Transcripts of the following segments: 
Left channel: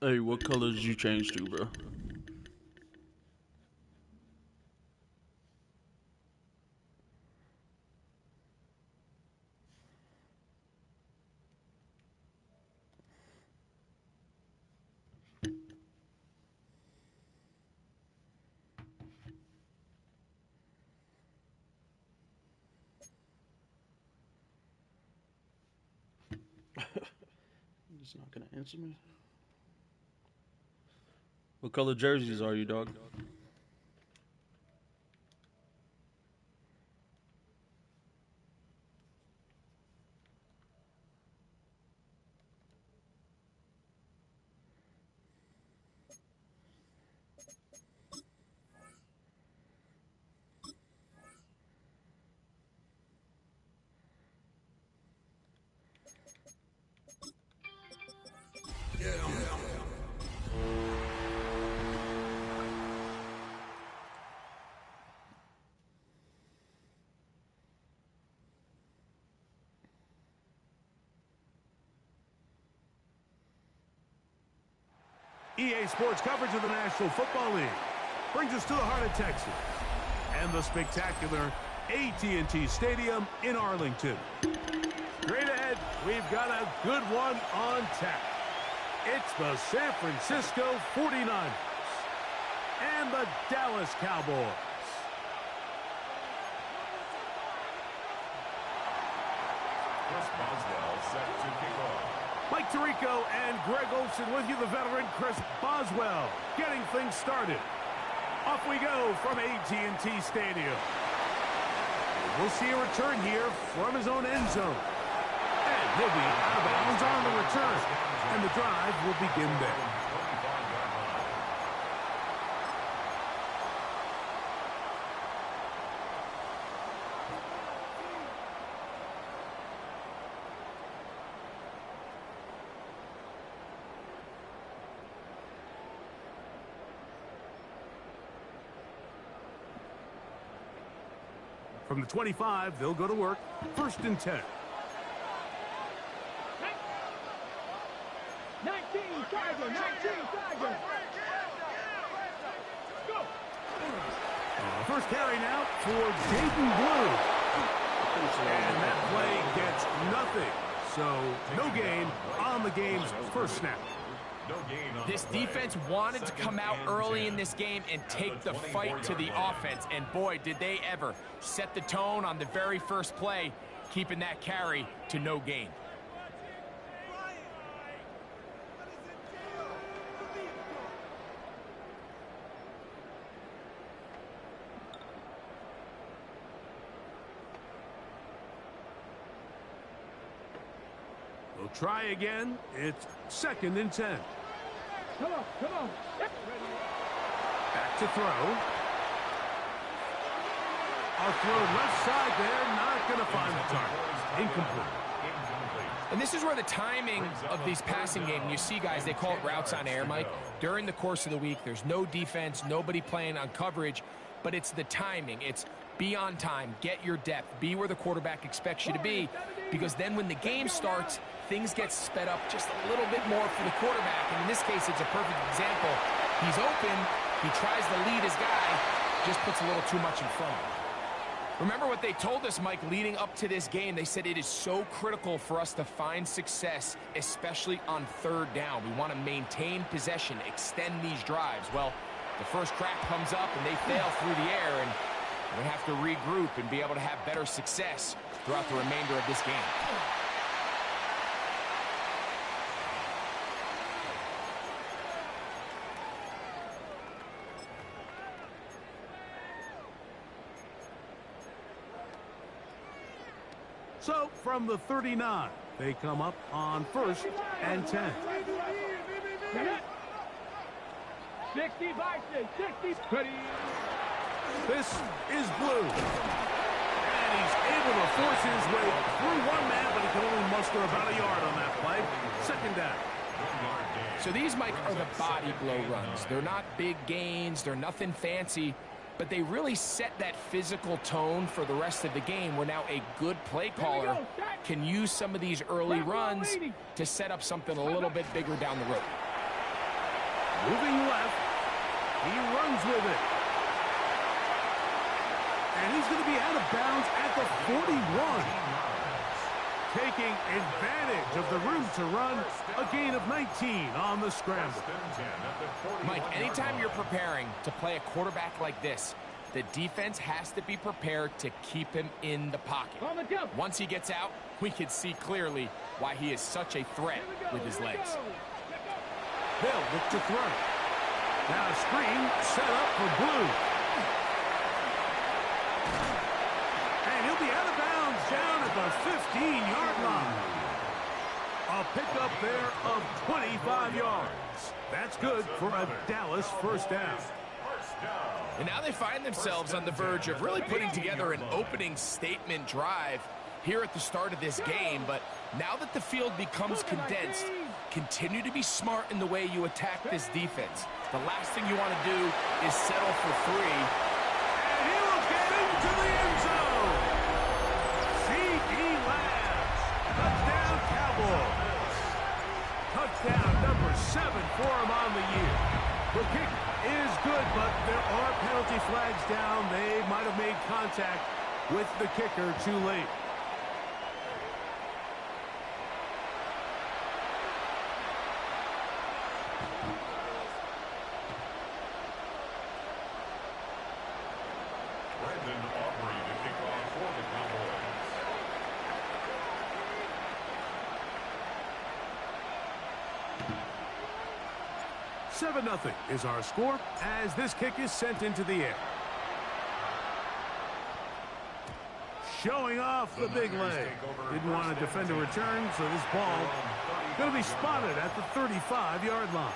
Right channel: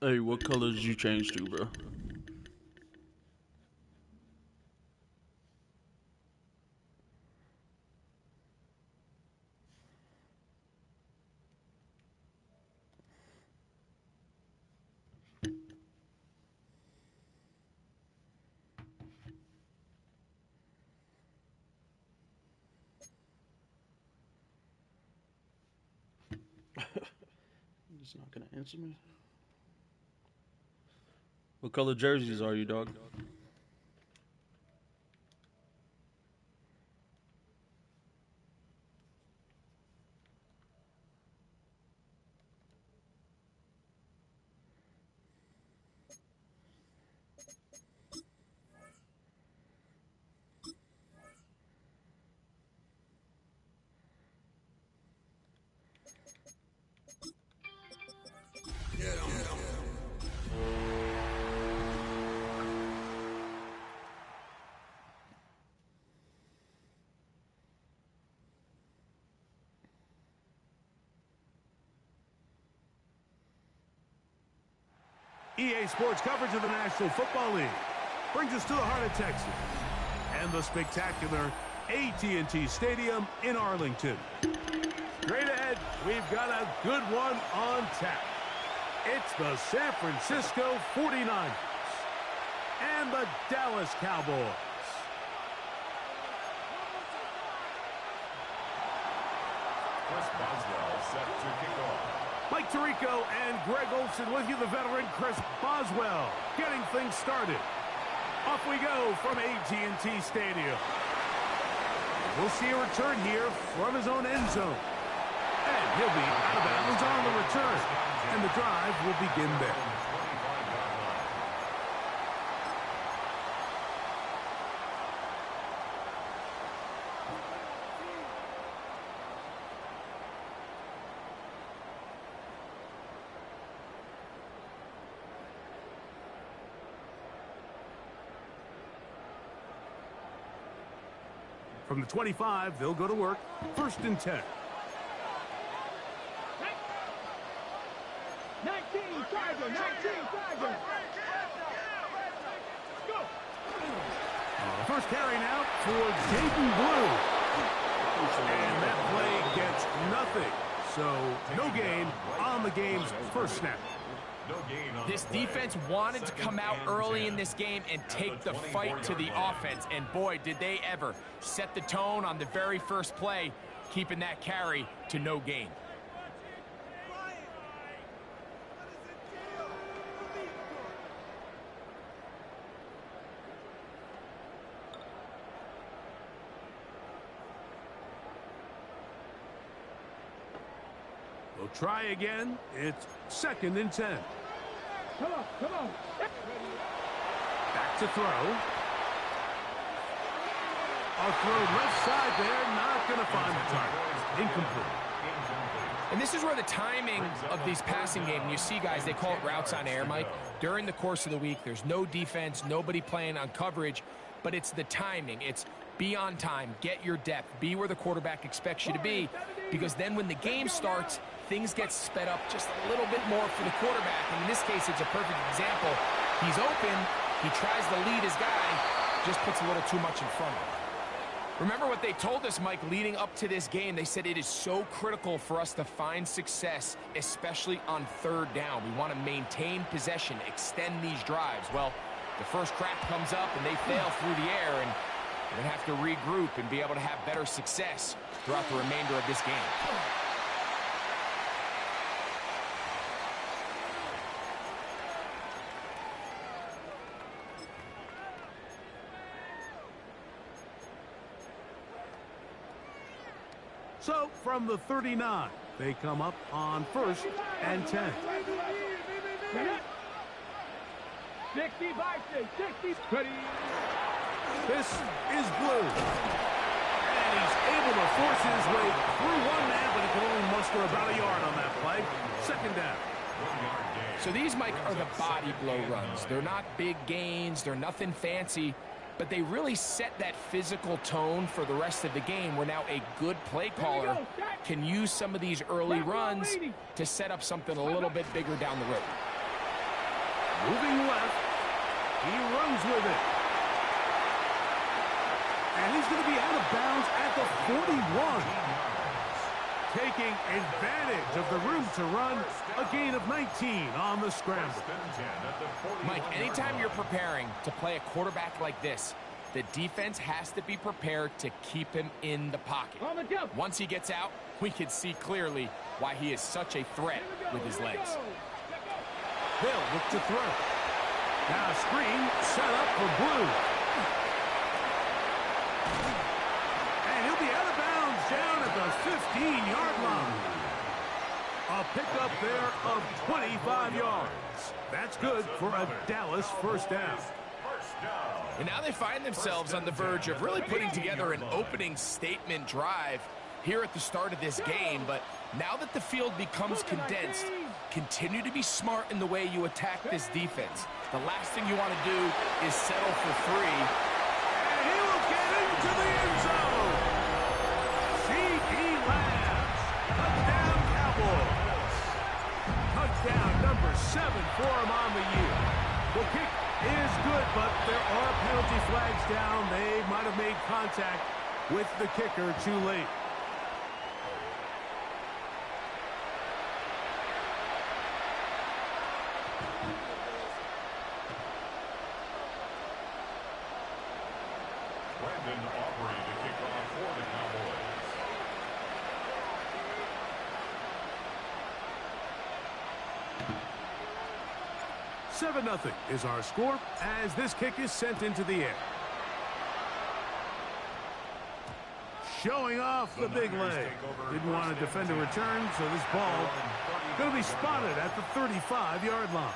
Hey, what colors did you change to, bro? He's not gonna answer me. What color jerseys are you, dog? EA Sports coverage of the National Football League brings us to the heart of Texas and the spectacular AT&T Stadium in Arlington. Straight ahead, we've got a good one on tap. It's the San Francisco 49ers and the Dallas Cowboys. Chris Boswell set to kick off. Mike Tirico and Greg Olson with you, the veteran Chris Boswell, getting things started. Off we go from AT&T Stadium. We'll see a return here from his own end zone. And he'll be out of bounds on the return. And the drive will begin there. From the 25, they'll go to work. 1st and 10. 19, Tiger, 19, Tiger. Go. First carry now for Dayton Blue. And that play gets nothing. So no gain on the game's first snap. This defense wanted to come out early in this game and take the fight to the offense. And boy, did they ever set the tone on the very first play, keeping that carry to no gain. We'll try again. It's 2nd and 10. Come on, come on. Back to throw. I'll throw left side there. Not going to find the target. Incomplete. And this is where the timing of these passing games, you see guys, they call it routes on air, Mike. During the course of the week, there's no defense, nobody playing on coverage, but it's the timing. It's be on time, get your depth, be where the quarterback expects you to be, because then when the game starts, things get sped up just a little bit more for the quarterback. And in this case, it's a perfect example. He's open, he tries to lead his guy, just puts a little too much in front of him. Remember what they told us, Mike, leading up to this game. They said it is so critical for us to find success, especially on 3rd down. We want to maintain possession, extend these drives. Well, the first crack comes up and they fail through the air, and we're going to have to regroup and be able to have better success throughout the remainder of this game. So from the 39, they come up on 1st and 10. 60 Bison, 60. Ready. This is Blue. And he's able to force his way through one man, but he can only muster about a yard on that play. 2nd down. So these, Mike, are the body blow runs. They're not big gains. They're nothing fancy. But they really set that physical tone for the rest of the game, where now a good play caller can use some of these early runs to set up something a little bit bigger down the road. Moving left. He runs with it. And he's going to be out of bounds at the 41. Taking advantage of the room to run. A gain of 19 on the scramble. Mike, anytime you're preparing to play a quarterback like this, the defense has to be prepared to keep him in the pocket. Once he gets out, we can see clearly why he is such a threat with his legs. They'll look to throw. Now a screen set up for Blue. And he'll be out of bounds down at the 15-yard line. A pickup there of 25 yards. That's good for a Dallas first down. And now they find themselves on the verge of really putting together an opening statement drive here at the start of this game. But now that the field becomes condensed, continue to be smart in the way you attack this defense. The last thing you want to do is settle for 3. And he will get into the end zone. C.D. Lambs. Touchdown, Cowboys. Touchdown number 7 for him on the year. The kick is good, but there are penalty flags down. They might have made contact with the kicker too late. Brandon Aubrey to kick off for the Cowboys. Seven 0 is our score as this kick is sent into the air. Showing off the big leg. Didn't want to defend a return, so this ball going to be spotted at the 35-yard line.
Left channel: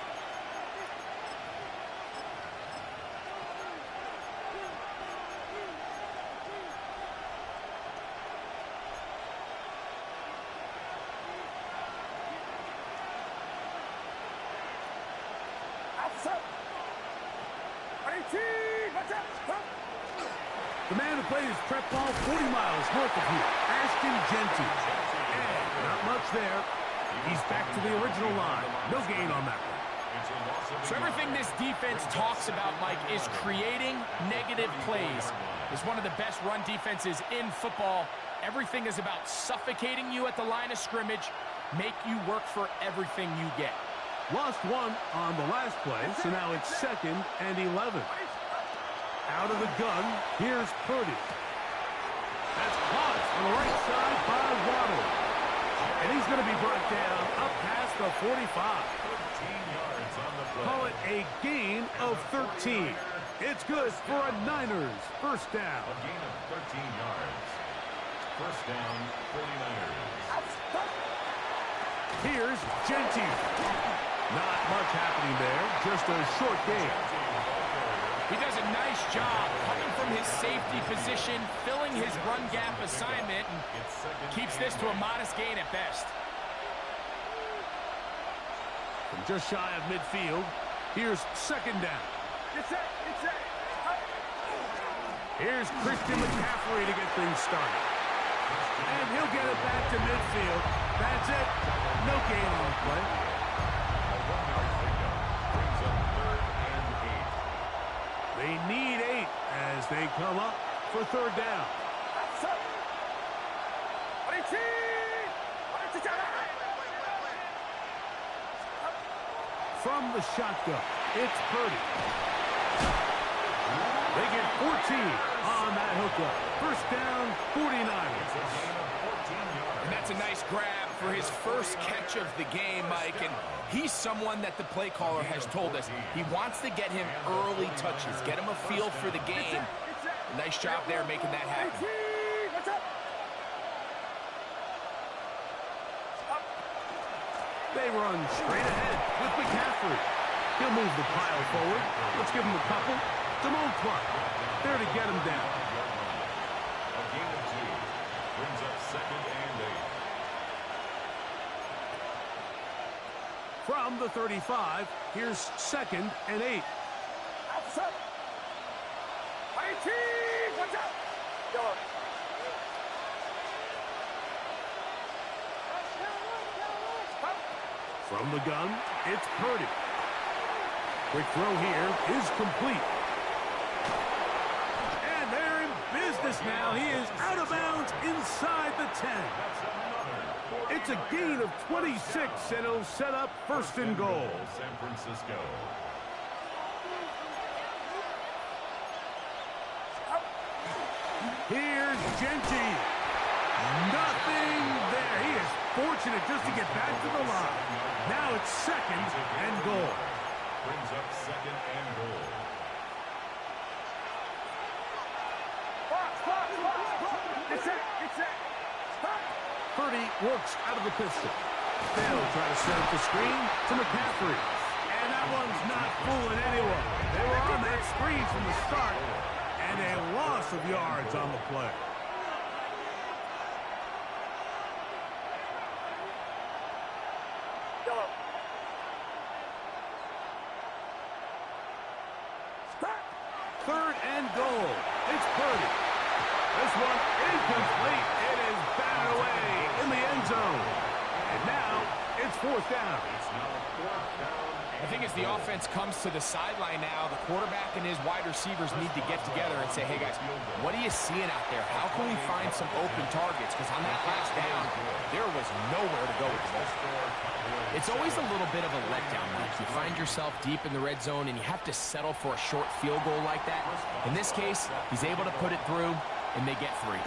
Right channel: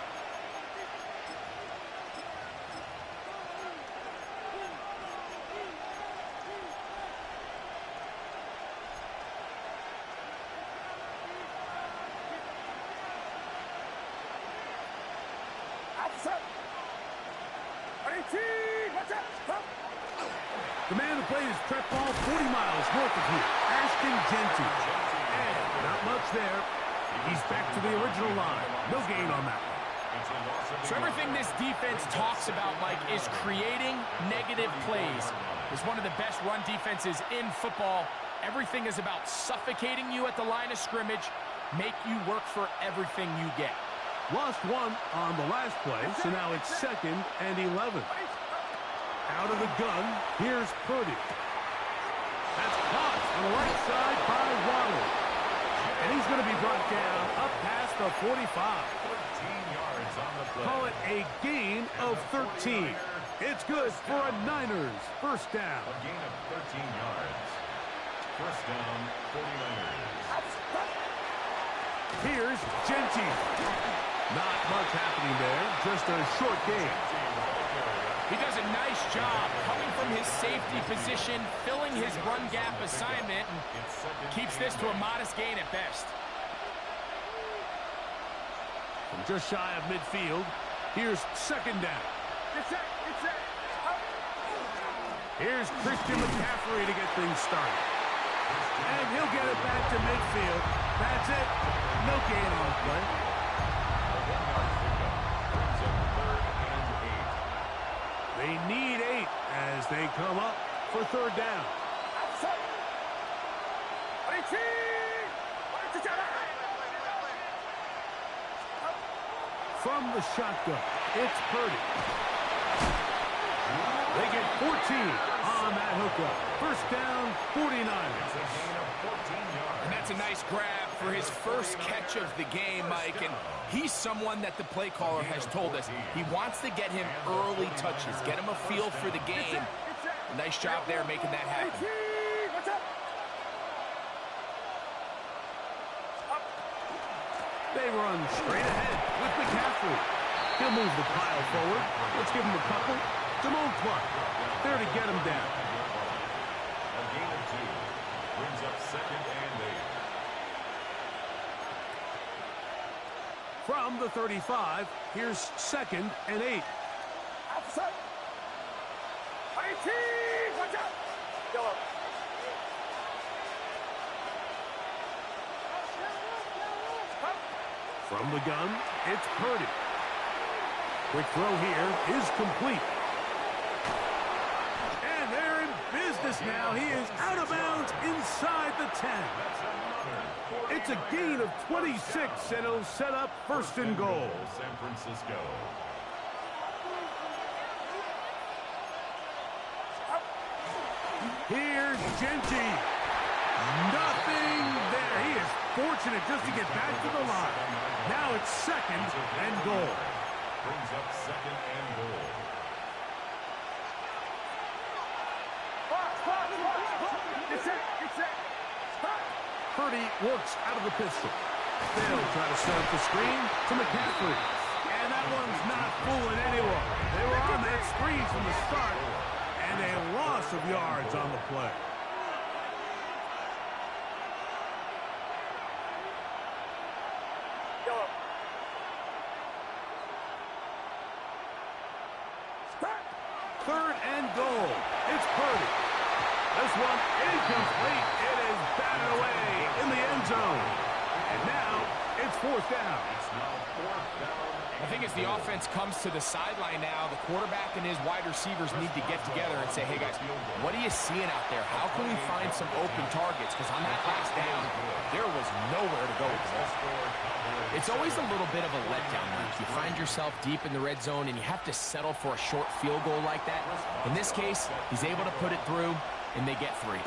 The man who played his prep ball 40 miles north of here, Ashton Genty. And not much there. He's back to the original line. No gain on that one. So everything this defense talks about, Mike, is creating negative plays. It's one of the best run defenses in football. Everything is about suffocating you at the line of scrimmage, make you work for everything you get. Lost one on the last play, so now it's 2nd and 11. Out of the gun, here's Purdy. That's caught on the right side by Waddle. And he's going to be brought down up past the 45. 13 yards on the play. Call it a gain of 13. It's good for a Niners first down. A gain of 13 yards. First down, 49ers. Here's Genty. Not much happening there, just a short gain. He does a nice job coming from his safety position, filling his run gap assignment, and keeps this to a modest gain at best. From just shy of midfield, here's 2nd down. Here's Christian McCaffrey to get things started. And he'll get it back to midfield. That's it. No gain on the play. A 1-yard pickup brings up 3rd and 8. They need 8 as they come up for 3rd down. From the shotgun, it's Purdy. They get 14 on that hookup. First down, 49ers. It's a gain of 14 yards. And that's a nice grab for his first catch of the game, Mike. And he's someone that the play caller has told us he wants to get him early touches, get him a feel for the game. Nice job there making that happen. They run straight ahead with McCaffrey. He'll move the pile forward. Let's give him a couple. Damone Clark there to get him down. A gain of 2 brings up 2nd and 8. From the 35, here's 2nd and 8. From the gun, it's Purdy. Quick throw here is complete. And they're in business now. He is out of bounds inside the 10. It's a gain of 26, and it'll set up first and goal. San Francisco. Here's Genty. Nothing there. He is fortunate just to get back to the line. Now it's second and goal. Brings up second and goal. Purdy works out of the pistol. They'll try to set up the screen to McCaffrey. And that one's not fooling anyone. They were on that screen from the start. And a loss of yards on the play. Third and goal. It's Purdy. This one incomplete. It is batted away in the end zone. And now it's fourth down. It's now fourth down. I think as the offense comes to the sideline now, the quarterback and his wide receivers need to get together and say, hey, guys, what are you seeing out there? How can we find some open targets? Because on that last down, there was nowhere to go with the ball. It's always a little bit of a letdown, Mike. You find yourself deep in the red zone, and you have to settle for a short field goal like that. In this case, he's able to put it through, and they get 3.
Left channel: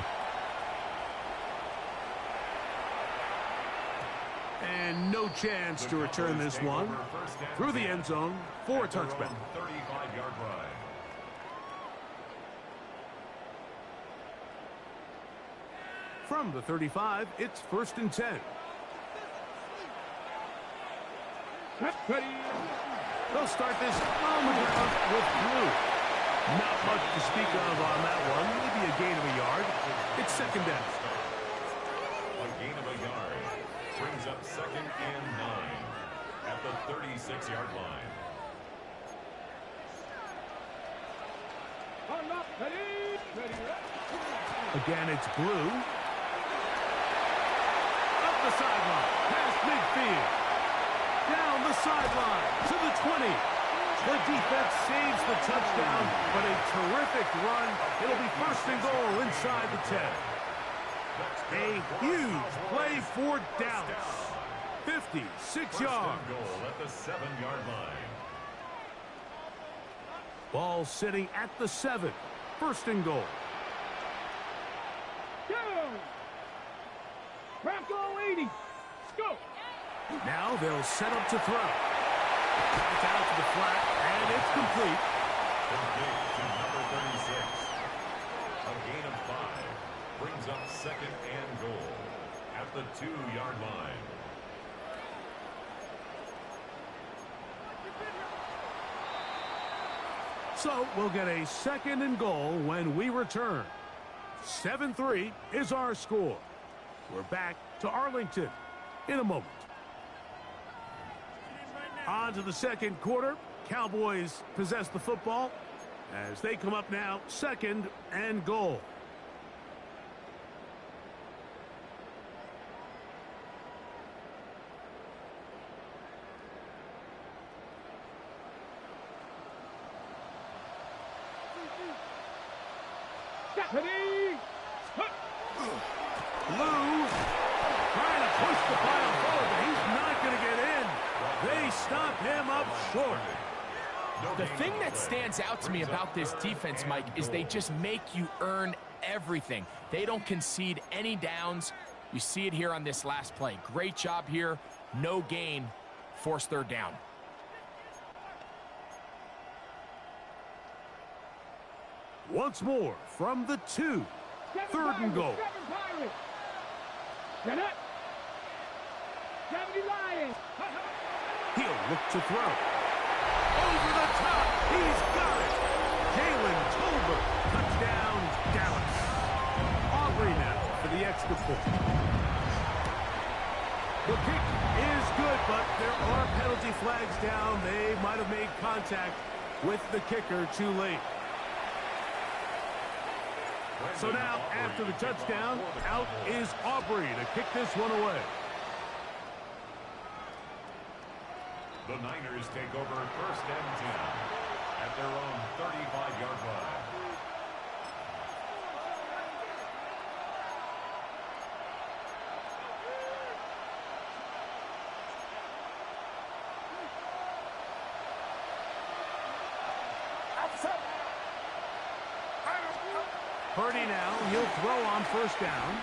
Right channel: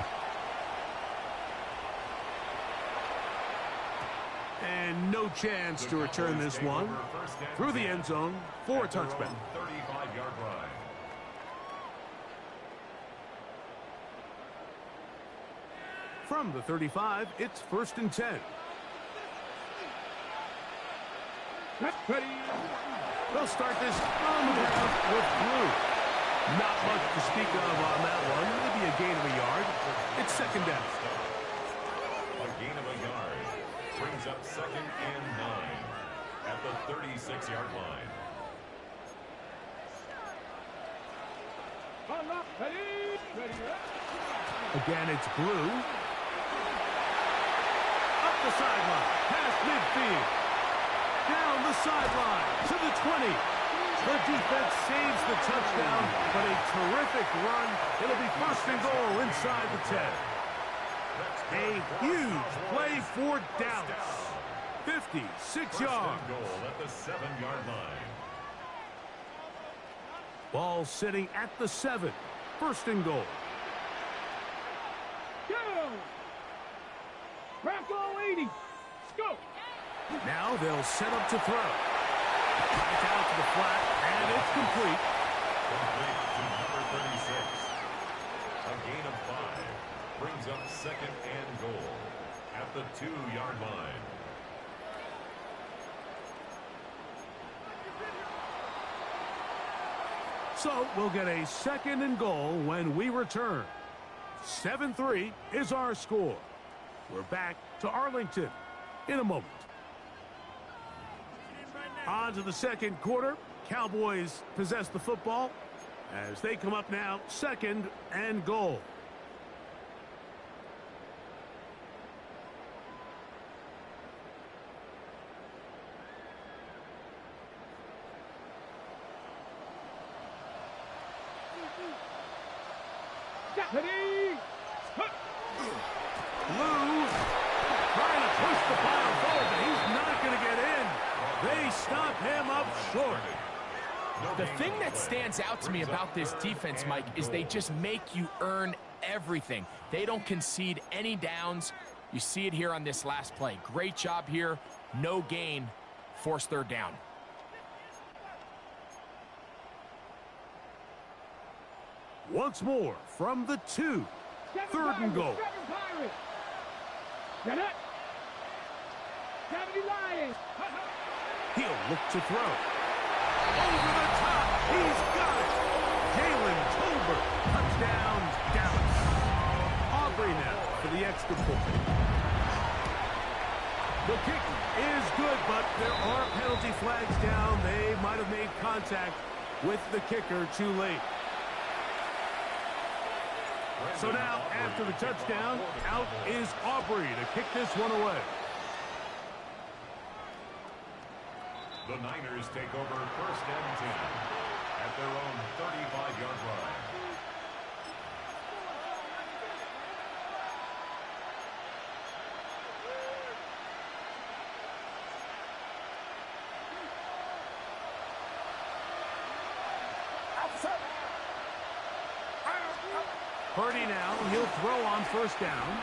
And no chance to return this one through the end zone for a touchback. 35-yard line. From the 35, it's first and 10. They'll start this on the ground with Blue. Not much to speak of on that one. Maybe a gain of a yard. It's second down. A gain of a yard. Brings up second and 9 at the 36-yard line. Again, it's Blue. Up the sideline, past midfield. Down the sideline to the 20. The defense saves the touchdown, but a terrific run. It'll be first and goal inside the 10. A huge play for Dallas. 56 yards. Goal at the 7-yard line. Ball sitting at the 7. First and goal. Go! Bronco 80. Go! Now they'll set up to throw. It's out to the flat, and it's complete. Complete to number 36. A gain of 5. Brings up second and goal at the 2-yard line. So we'll get a second and goal when we return. 7-3 is our score. We're back to Arlington in a moment. On to the second quarter. Cowboys possess the football as they come up now, second and goal. Stephanie! Lou trying to push the pile forward, but he's not going to get in. They stop him up short. The thing that stands out to me about this defense, Mike, is they just make you earn everything. They don't concede any downs. You see it here on this last play. Great job here. No gain. Forced third down. Once more from the 2. Third and goal. Get it! 70 Lions! He'll look to throw. Over the top. He's got it. Jalen Tolbert. Touchdown, Dallas. Aubrey now for the extra point. The kick is good, but there are penalty flags down. They might have made contact with the kicker too late. So now, after the touchdown, out is Aubrey to kick this one away. The Niners take over 1st and 10 at their own 35-yard line. Purdy now, he'll throw on 1st down.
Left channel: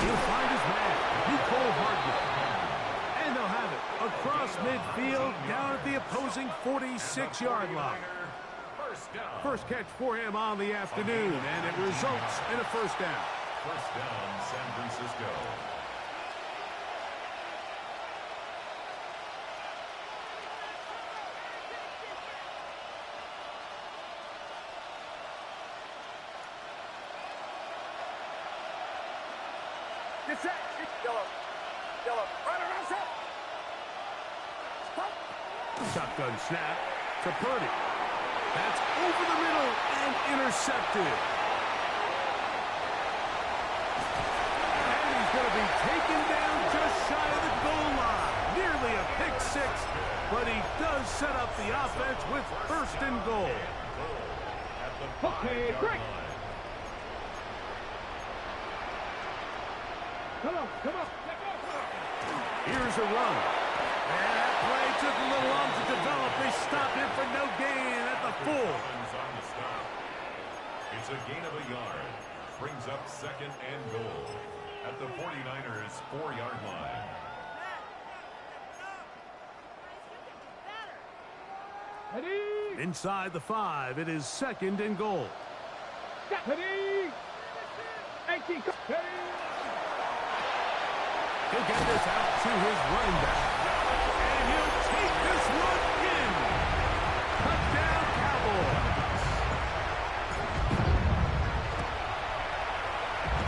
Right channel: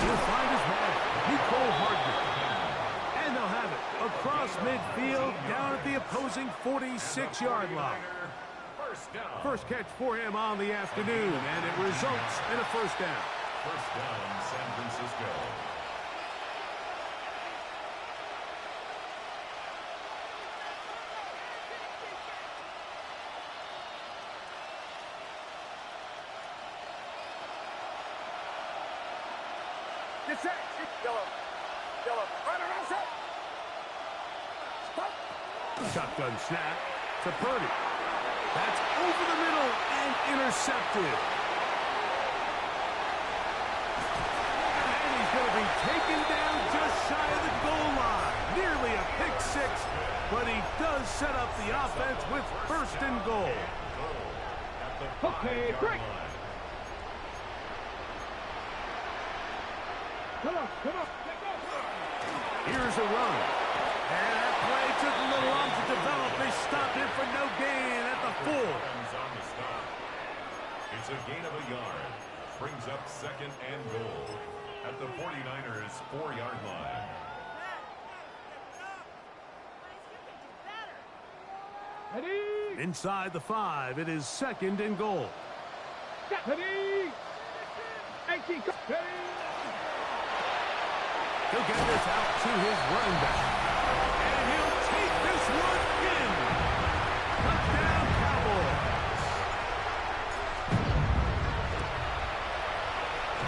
He'll find his man, Nicole Hardman. And they'll have it across midfield down at the opposing 46-yard line. First catch for him on the afternoon, and it results in a 1st down. 1st down, San Francisco. Get set. Yellow. Right around set. Stop. Shotgun snap to Purdy. That's over the middle and intercepted. And he's going to be taken down just shy of the goal line. Nearly a pick 6, but he does set up the offense with 1st and goal. At the 5-yard line. Come on. Let go. Here's a run. And that play took a little long to develop. They stopped it for no gain at the 4. On the stop. It's a gain of a yard. Brings up 2nd and goal at the 49ers 4-yard line. Ready. Inside the 5, it is 2nd and goal. Ready. 18. Ready. He'll get this out to his running back. And he'll take this one in. Touchdown, Cowboys.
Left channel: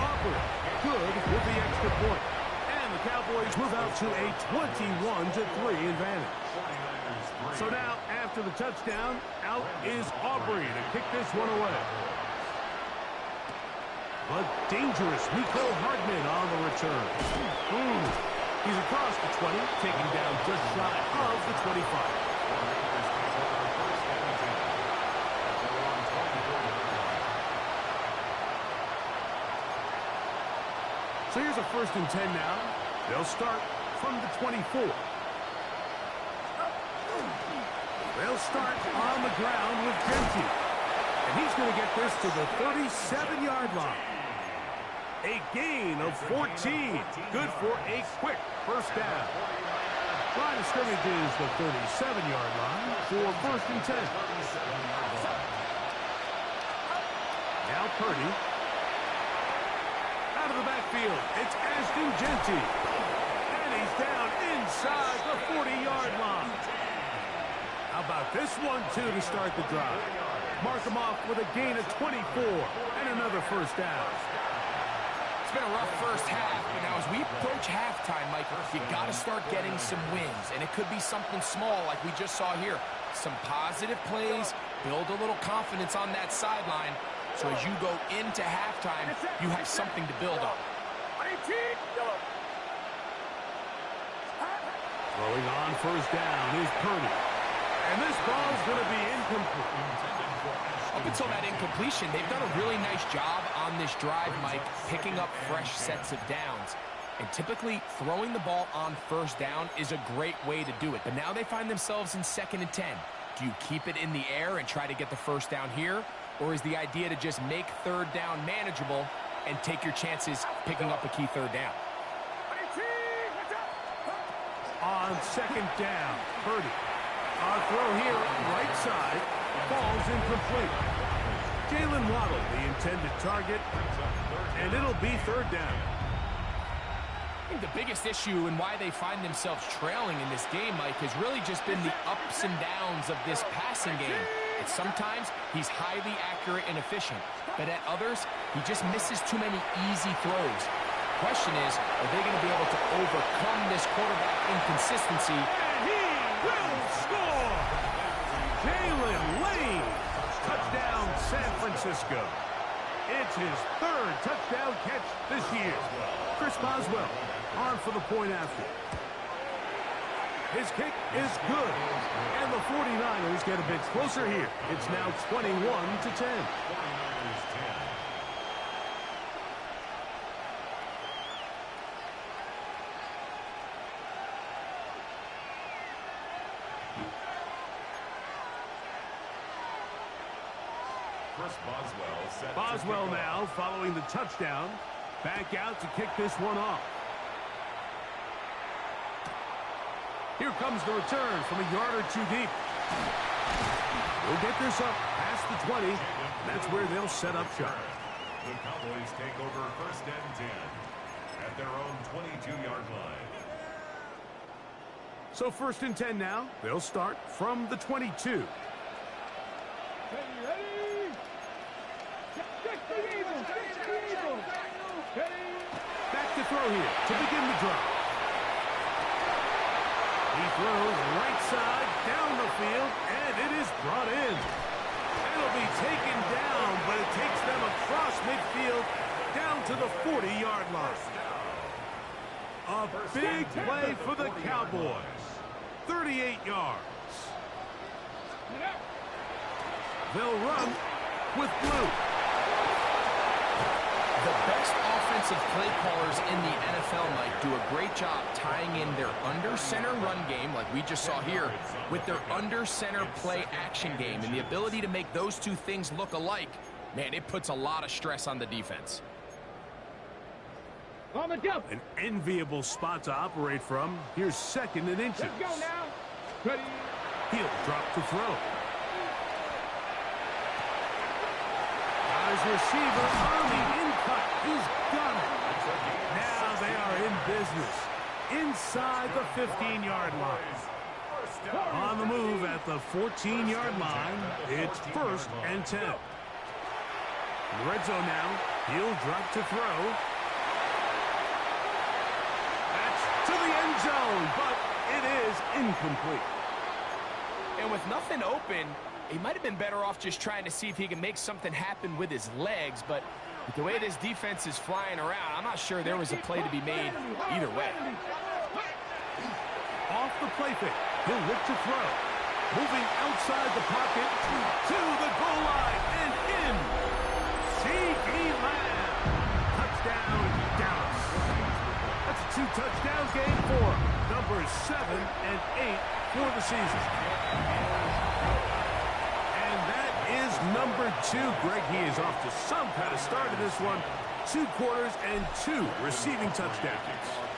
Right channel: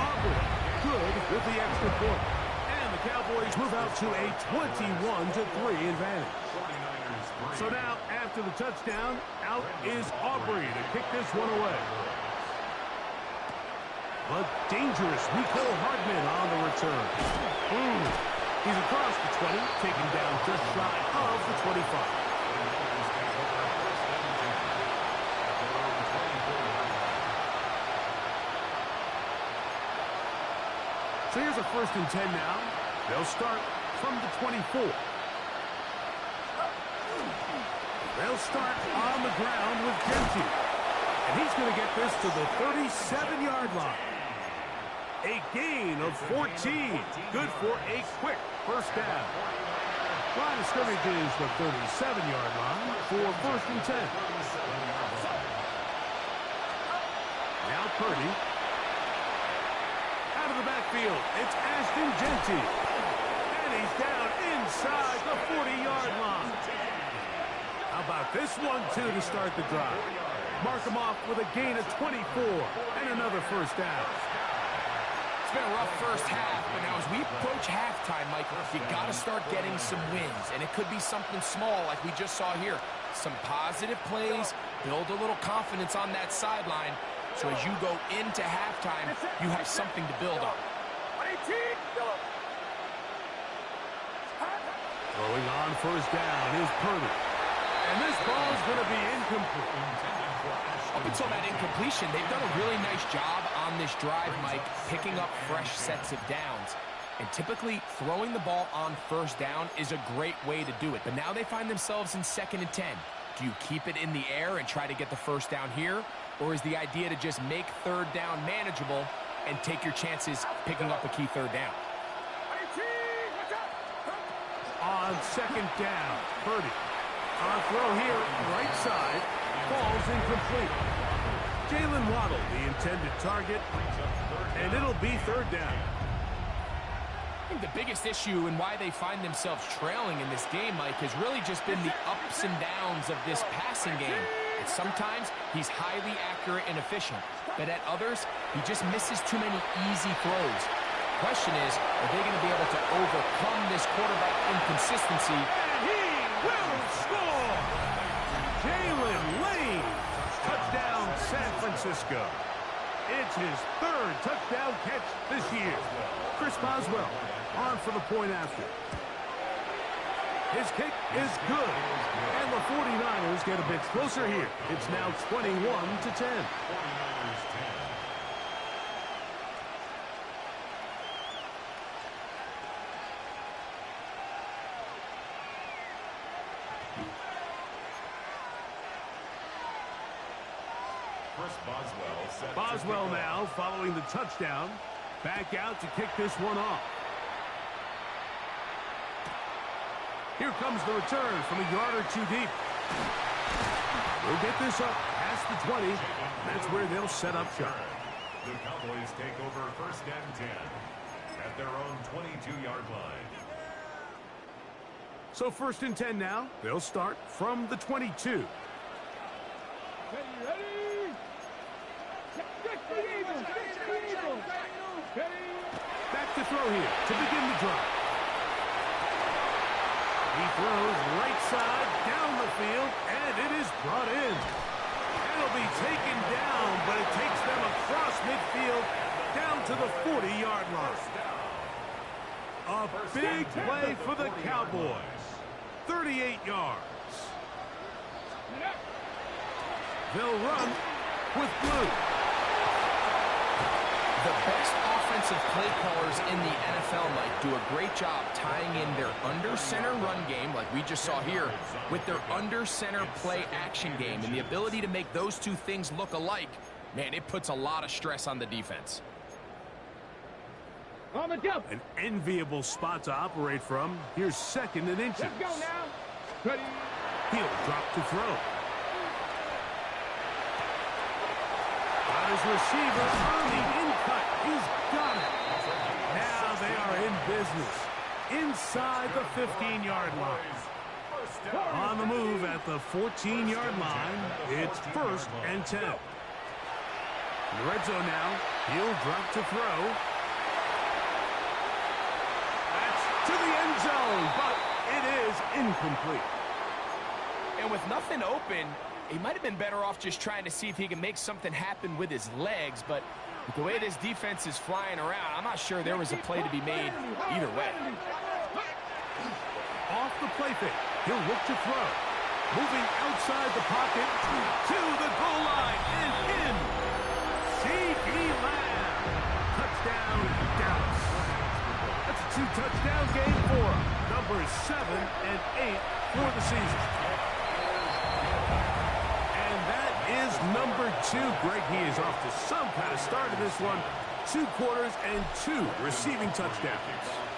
Aubrey, good with the extra point. And the Cowboys move out to a 21-3 advantage. 49ers 3. So now, after the touchdown, out is Aubrey to kick this one away. But dangerous Nicole Hardman on the return. He's across the 20, taken down just shy of the 25. The Niners take over 1st and 10 at their own 24-yard line. So here's a 1st and 10 now. They'll start from the 24. They'll start on the ground with Genty. And he's going to get this to the 37-yard line. A gain of 14. Good for a quick 1st down. Line of scrimmage is the 37-yard line for 1st and 10. Now Purdy. Out of the backfield, it's Ashton Genty. And he's down inside the 40-yard line. How about this one, too, to start the drive? Mark him off with a gain of 24 and another 1st down. It's been a rough first half, but now as we approach halftime, Mike, you got to start getting some wins, and it could be something small like we just saw here. Some positive plays, build a little confidence on that sideline, so as you go into halftime, you have something to build on. Throwing on 1st down is Purdy. And this ball's going to be incomplete. Up until that incompletion, they've done a really nice job on this drive, Mike, picking up fresh sets of downs. And typically, throwing the ball on 1st down is a great way to do it. But now they find themselves in 2nd and 10. Do you keep it in the air and try to get the 1st down here? Or is the idea to just make 3rd down manageable and take your chances picking up a key 3rd down? On 2nd down, Purdy. On throw here, right side, falls incomplete. Jalen Waddle, the intended target, and it'll be 3rd down. I think the biggest issue and why they find themselves trailing in this game, Mike, has really just been the ups and downs of this passing game. And sometimes he's highly accurate and efficient, but at others, he just misses too many easy throws. Question is, are they going to be able to overcome this quarterback inconsistency? And he will score! Jalen Lane, touchdown San Francisco. It's his 3rd touchdown catch this year. Chris Boswell on for the point after. His kick is good. And the 49ers get a bit closer here. It's now 21-10. 49ers 10. Chris Boswell set Boswell to kick now off. following the touchdown. Back out to kick this one off. Here comes the return from a yard or two deep. We'll get this up past the 20. And that's where they'll set up shop. The Cowboys take over 1st and 10 at their own 22-yard line. So 1st and 10 now. They'll start from the 22. Back to throw here to begin the drive. He throws right side down the field, and it is brought in. It'll be taken down, but it takes them across midfield down to the 40-yard line. A big play for the Cowboys. 38 yards. They'll run with blue. The best offensive play callers in the NFL, Mike, do a great job tying in their under-center run game, like we just saw here, with their under-center play action game. And the ability to make those two things look alike, man, it puts a lot of stress on the defense. An enviable spot to operate from. Here's 2nd and inches. Let's go now. Ready. He'll drop to throw. Got his receiver on the in-cut. He's got it. Now they are in business. Inside the 15-yard line. On the move at the 14-yard line. It's 1st and 10. In the red zone now. He'll drop to throw. That's to the end zone, but it is incomplete. And with nothing open, he might have been better off just trying to see if he can make something happen with his legs, but with the way this defense is flying around, I'm not sure there was a play to be made either way. Off the play fake, he'll look to throw. Moving outside the pocket to the goal line and in. C.D. Lamb. Touchdown, Dallas. That's a 2-touchdown game for him. Numbers 7 and 8 for the season. And that is number 2. Greg, he is off to some kind of start in this one. 2 quarters and 2 receiving touchdowns.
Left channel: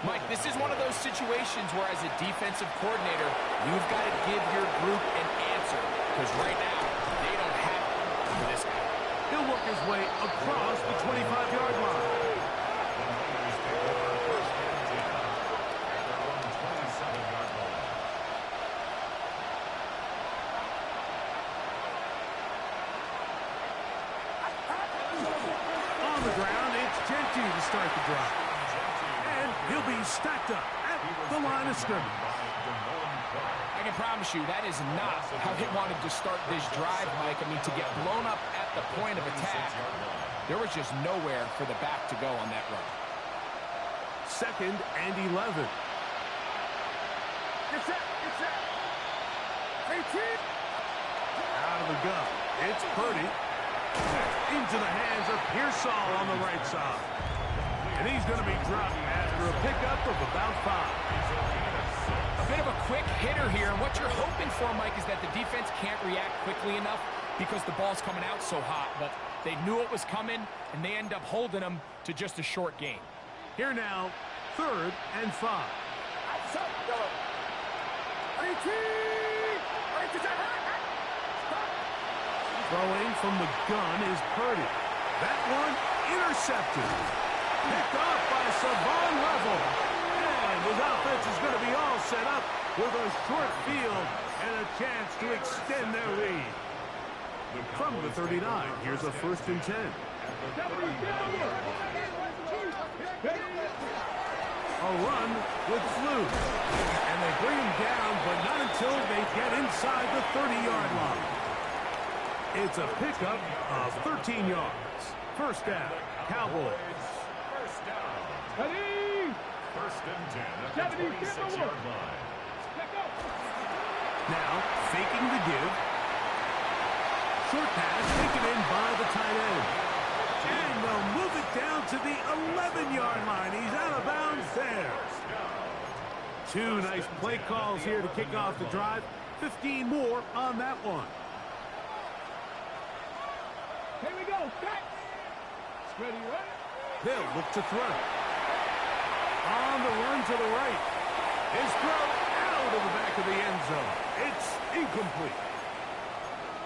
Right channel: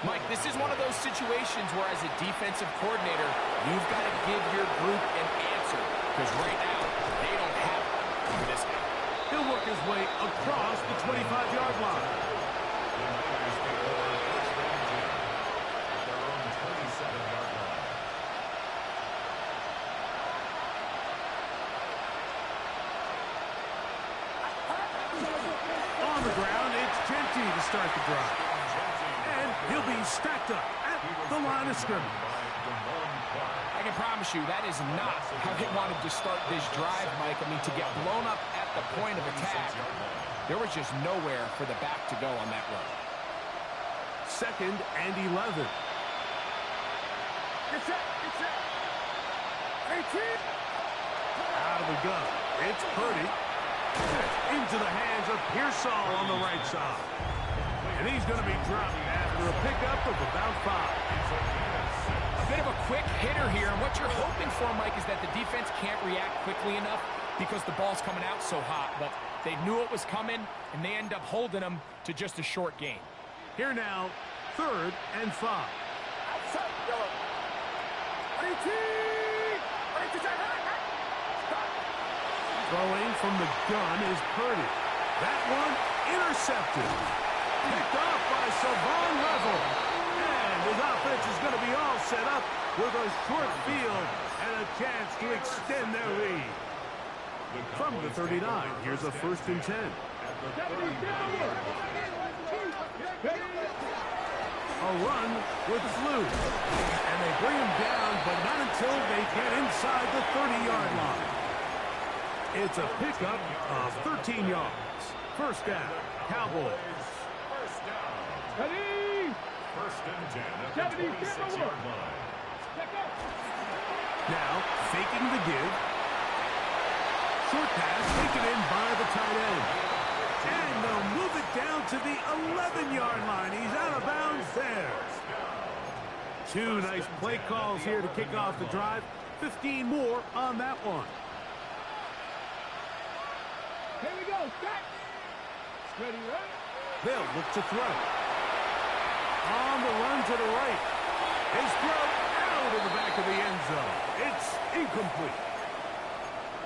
Mike, this is one of those situations where as a defensive coordinator, you've got to give your group an answer, because right now, they don't have one for this guy. He'll work his way across the 25-yard line. The Niners take over 1st and 10 at their own 27-yard line. On the ground, it's Genty to start the drive. And he'll be stacked up at the line of scrimmage. I can promise you that is not how they wanted to start this drive, Mike. I mean, to get blown up at the point of attack, there was just nowhere for the back to go on that run. 2nd and 11. Get set. Get set. 18. Out of the gun. It's Purdy. Into the hands of Pearsall on the right side. And he's going to be dropped after a pickup of about 5. A bit of a quick hitter here, and what you're hoping for, Mike, is that the defense can't react quickly enough because the ball's coming out so hot. But they knew it was coming, and they end up holding them to just a short gain. Here now, 3rd and 5. Outside. Yellow. 18. 18. Stop. Throwing from the gun is Purdy. That one intercepted. Picked off by Savon Level. And his offense is going to be all set up with a short field and a chance to extend their lead. From the 39, here's a 1st and 10. A run with Flew. And they bring him down, but not until they get inside the 30-yard line. It's a pickup of 13 yards. 1st down, Cowboys. 1st down. Ready. 1st and 10 at the 26-yard line. Now, faking the give. Short pass taken in by the tight end. And they'll move it down to the 11-yard line. He's out of bounds there. Two nice play calls here to kick off the drive. 15 more on that one. Here we go. Set. Ready, ready. They'll look to throw. On the run to the right. His throw out of the back of the end zone. It's incomplete.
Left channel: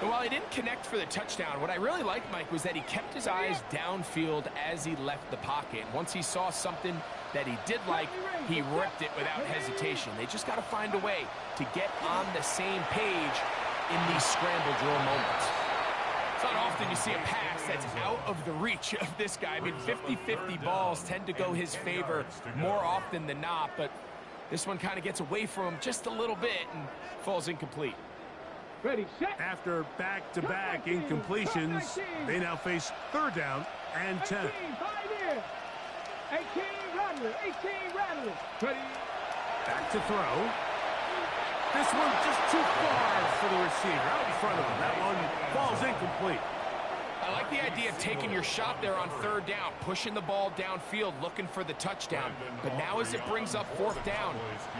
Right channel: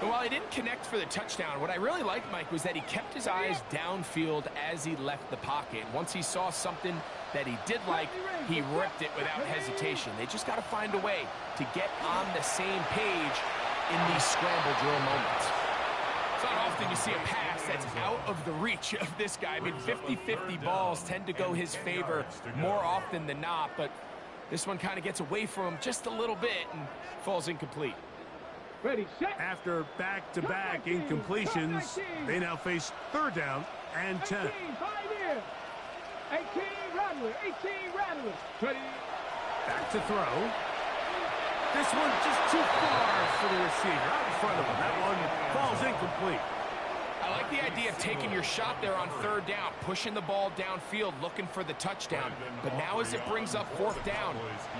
And while he didn't connect for the touchdown, what I really liked, Mike, was that he kept his eyes downfield as he left the pocket. And once he saw something that he did like, he ripped it without hesitation. They just got to find a way to get on the same page in these scramble drill moments. It's not often you see a pass that's out of the reach of this guy. I mean, 50-50 balls tend to go his favor more often than not, but this one kind of gets away from him just a little bit and falls incomplete. Ready, set. After back-to-back incompletions, they now face third down and 10. 18, 5 here. 18, Rattler. 18, Rattler. Ready. Back to throw. This one just too far for the receiver. Out in front of him. That one falls incomplete. I like the idea of taking your shot there on third down, pushing the ball downfield, looking for the touchdown. But now as it brings up fourth down,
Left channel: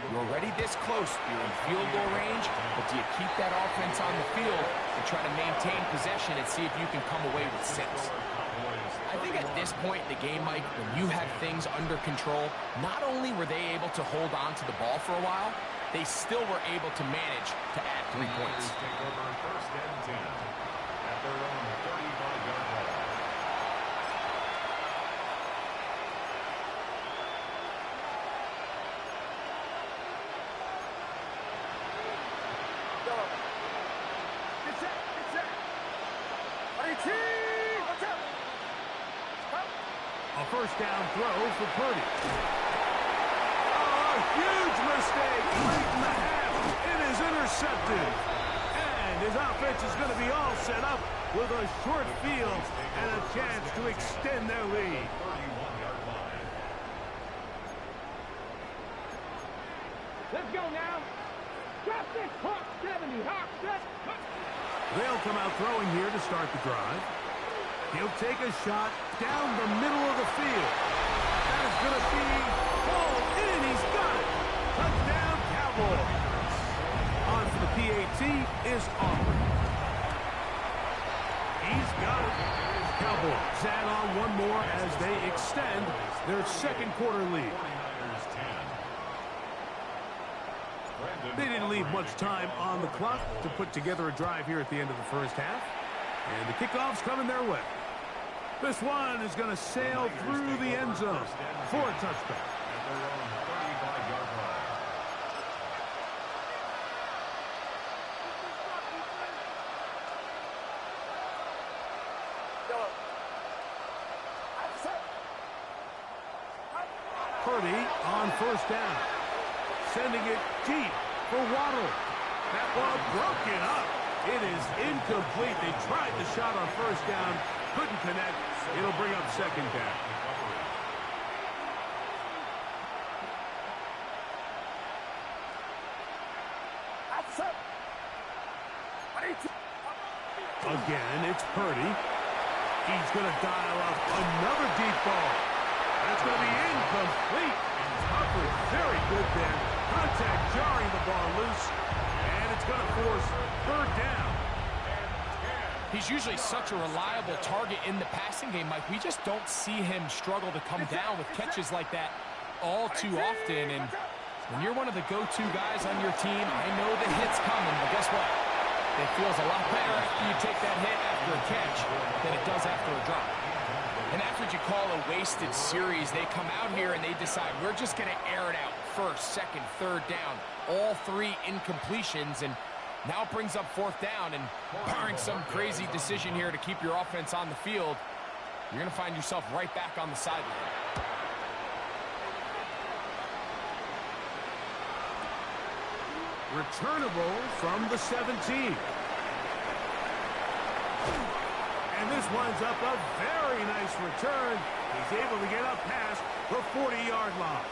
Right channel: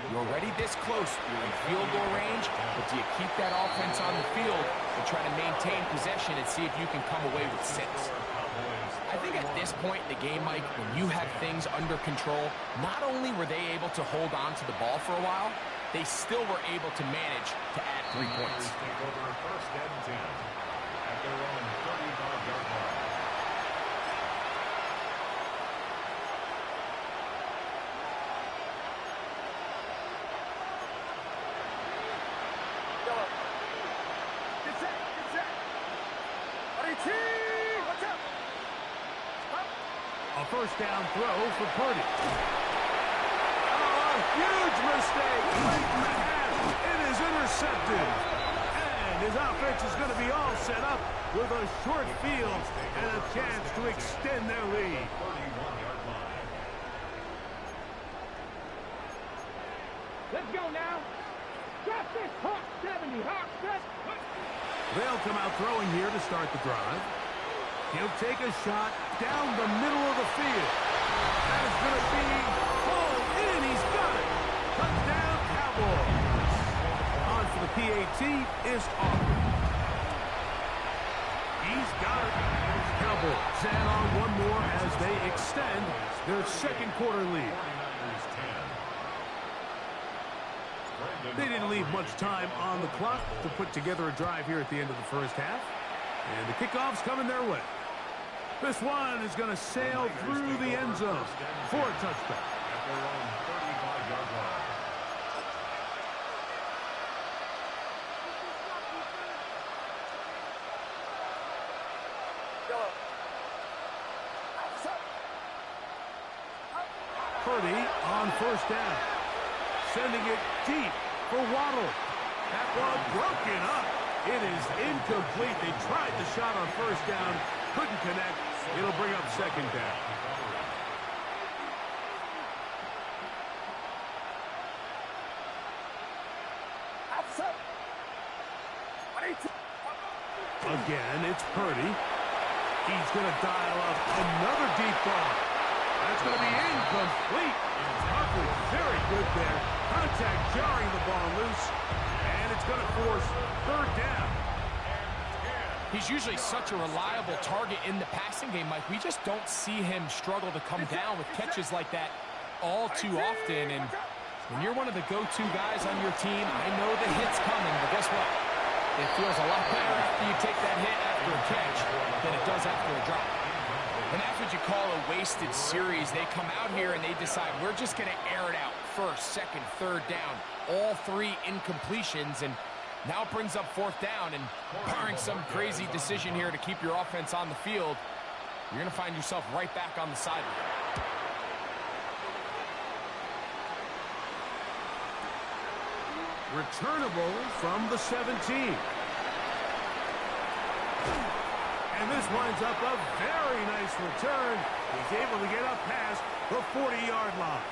you're already this close. You're in field goal range, but do you keep that offense on the field and try to maintain possession and see if you can come away with 6? I think at this point in the game, Mike, when you have things under control, not only were they able to hold on to the ball for a while, they still were able to manage to add 3 points. Take over first and 10 at their own 35-yard line. Yellow. Get set. Get set. 18. Watch out. A first down throw for Purdy. Oh, a huge mistake late in the half. It is intercepted. And his offense is going to be all set up with a short field and a chance to extend their lead. 31-yard line. Let's go now. Drop this. Hawk 70. Hawk set. They'll come out throwing here to start the drive. He'll take a shot down the middle of the field. That is going to be pulled in. He's got it. Touchdown, Cowboys. On for the PAT is Aubrey. He's got it. Cowboys add on one more as they extend their second quarter lead. 49ers 10. They didn't leave much time on the clock to put together a drive here at the end of the first half. And the kickoff's coming their way. This one is going to sail through the end zone for a touchback. At their own 35-yard line. Yellow. Purdy on first down. Sending it deep for Waddle. That one broken up. It is incomplete. They tried the shot on first down. Couldn't connect. It'll bring up second down. Again, it's Purdy. He's going to dial up another deep ball. That's going to be incomplete. Coverage very good there. Contact jarring the ball loose. And it's going to force third down. He's usually such a reliable target in the passing game, Mike. We just don't see him struggle to come down with catches like that all too often. And when you're one of the go-to guys on your team, I know the hit's coming, but guess what? It feels a lot better after you take that hit after a catch than it does after a drop. And that's what you call a wasted series. They come out here and they decide, we're just going to air it out. First, second, third down. All 3 incompletions, and now it brings up fourth down. And barring some crazy decision here to keep your offense on the field, you're going to find yourself right back on the sideline. Returnable from the 17. And this winds up a very nice return. He's able to get up past the 40-yard line.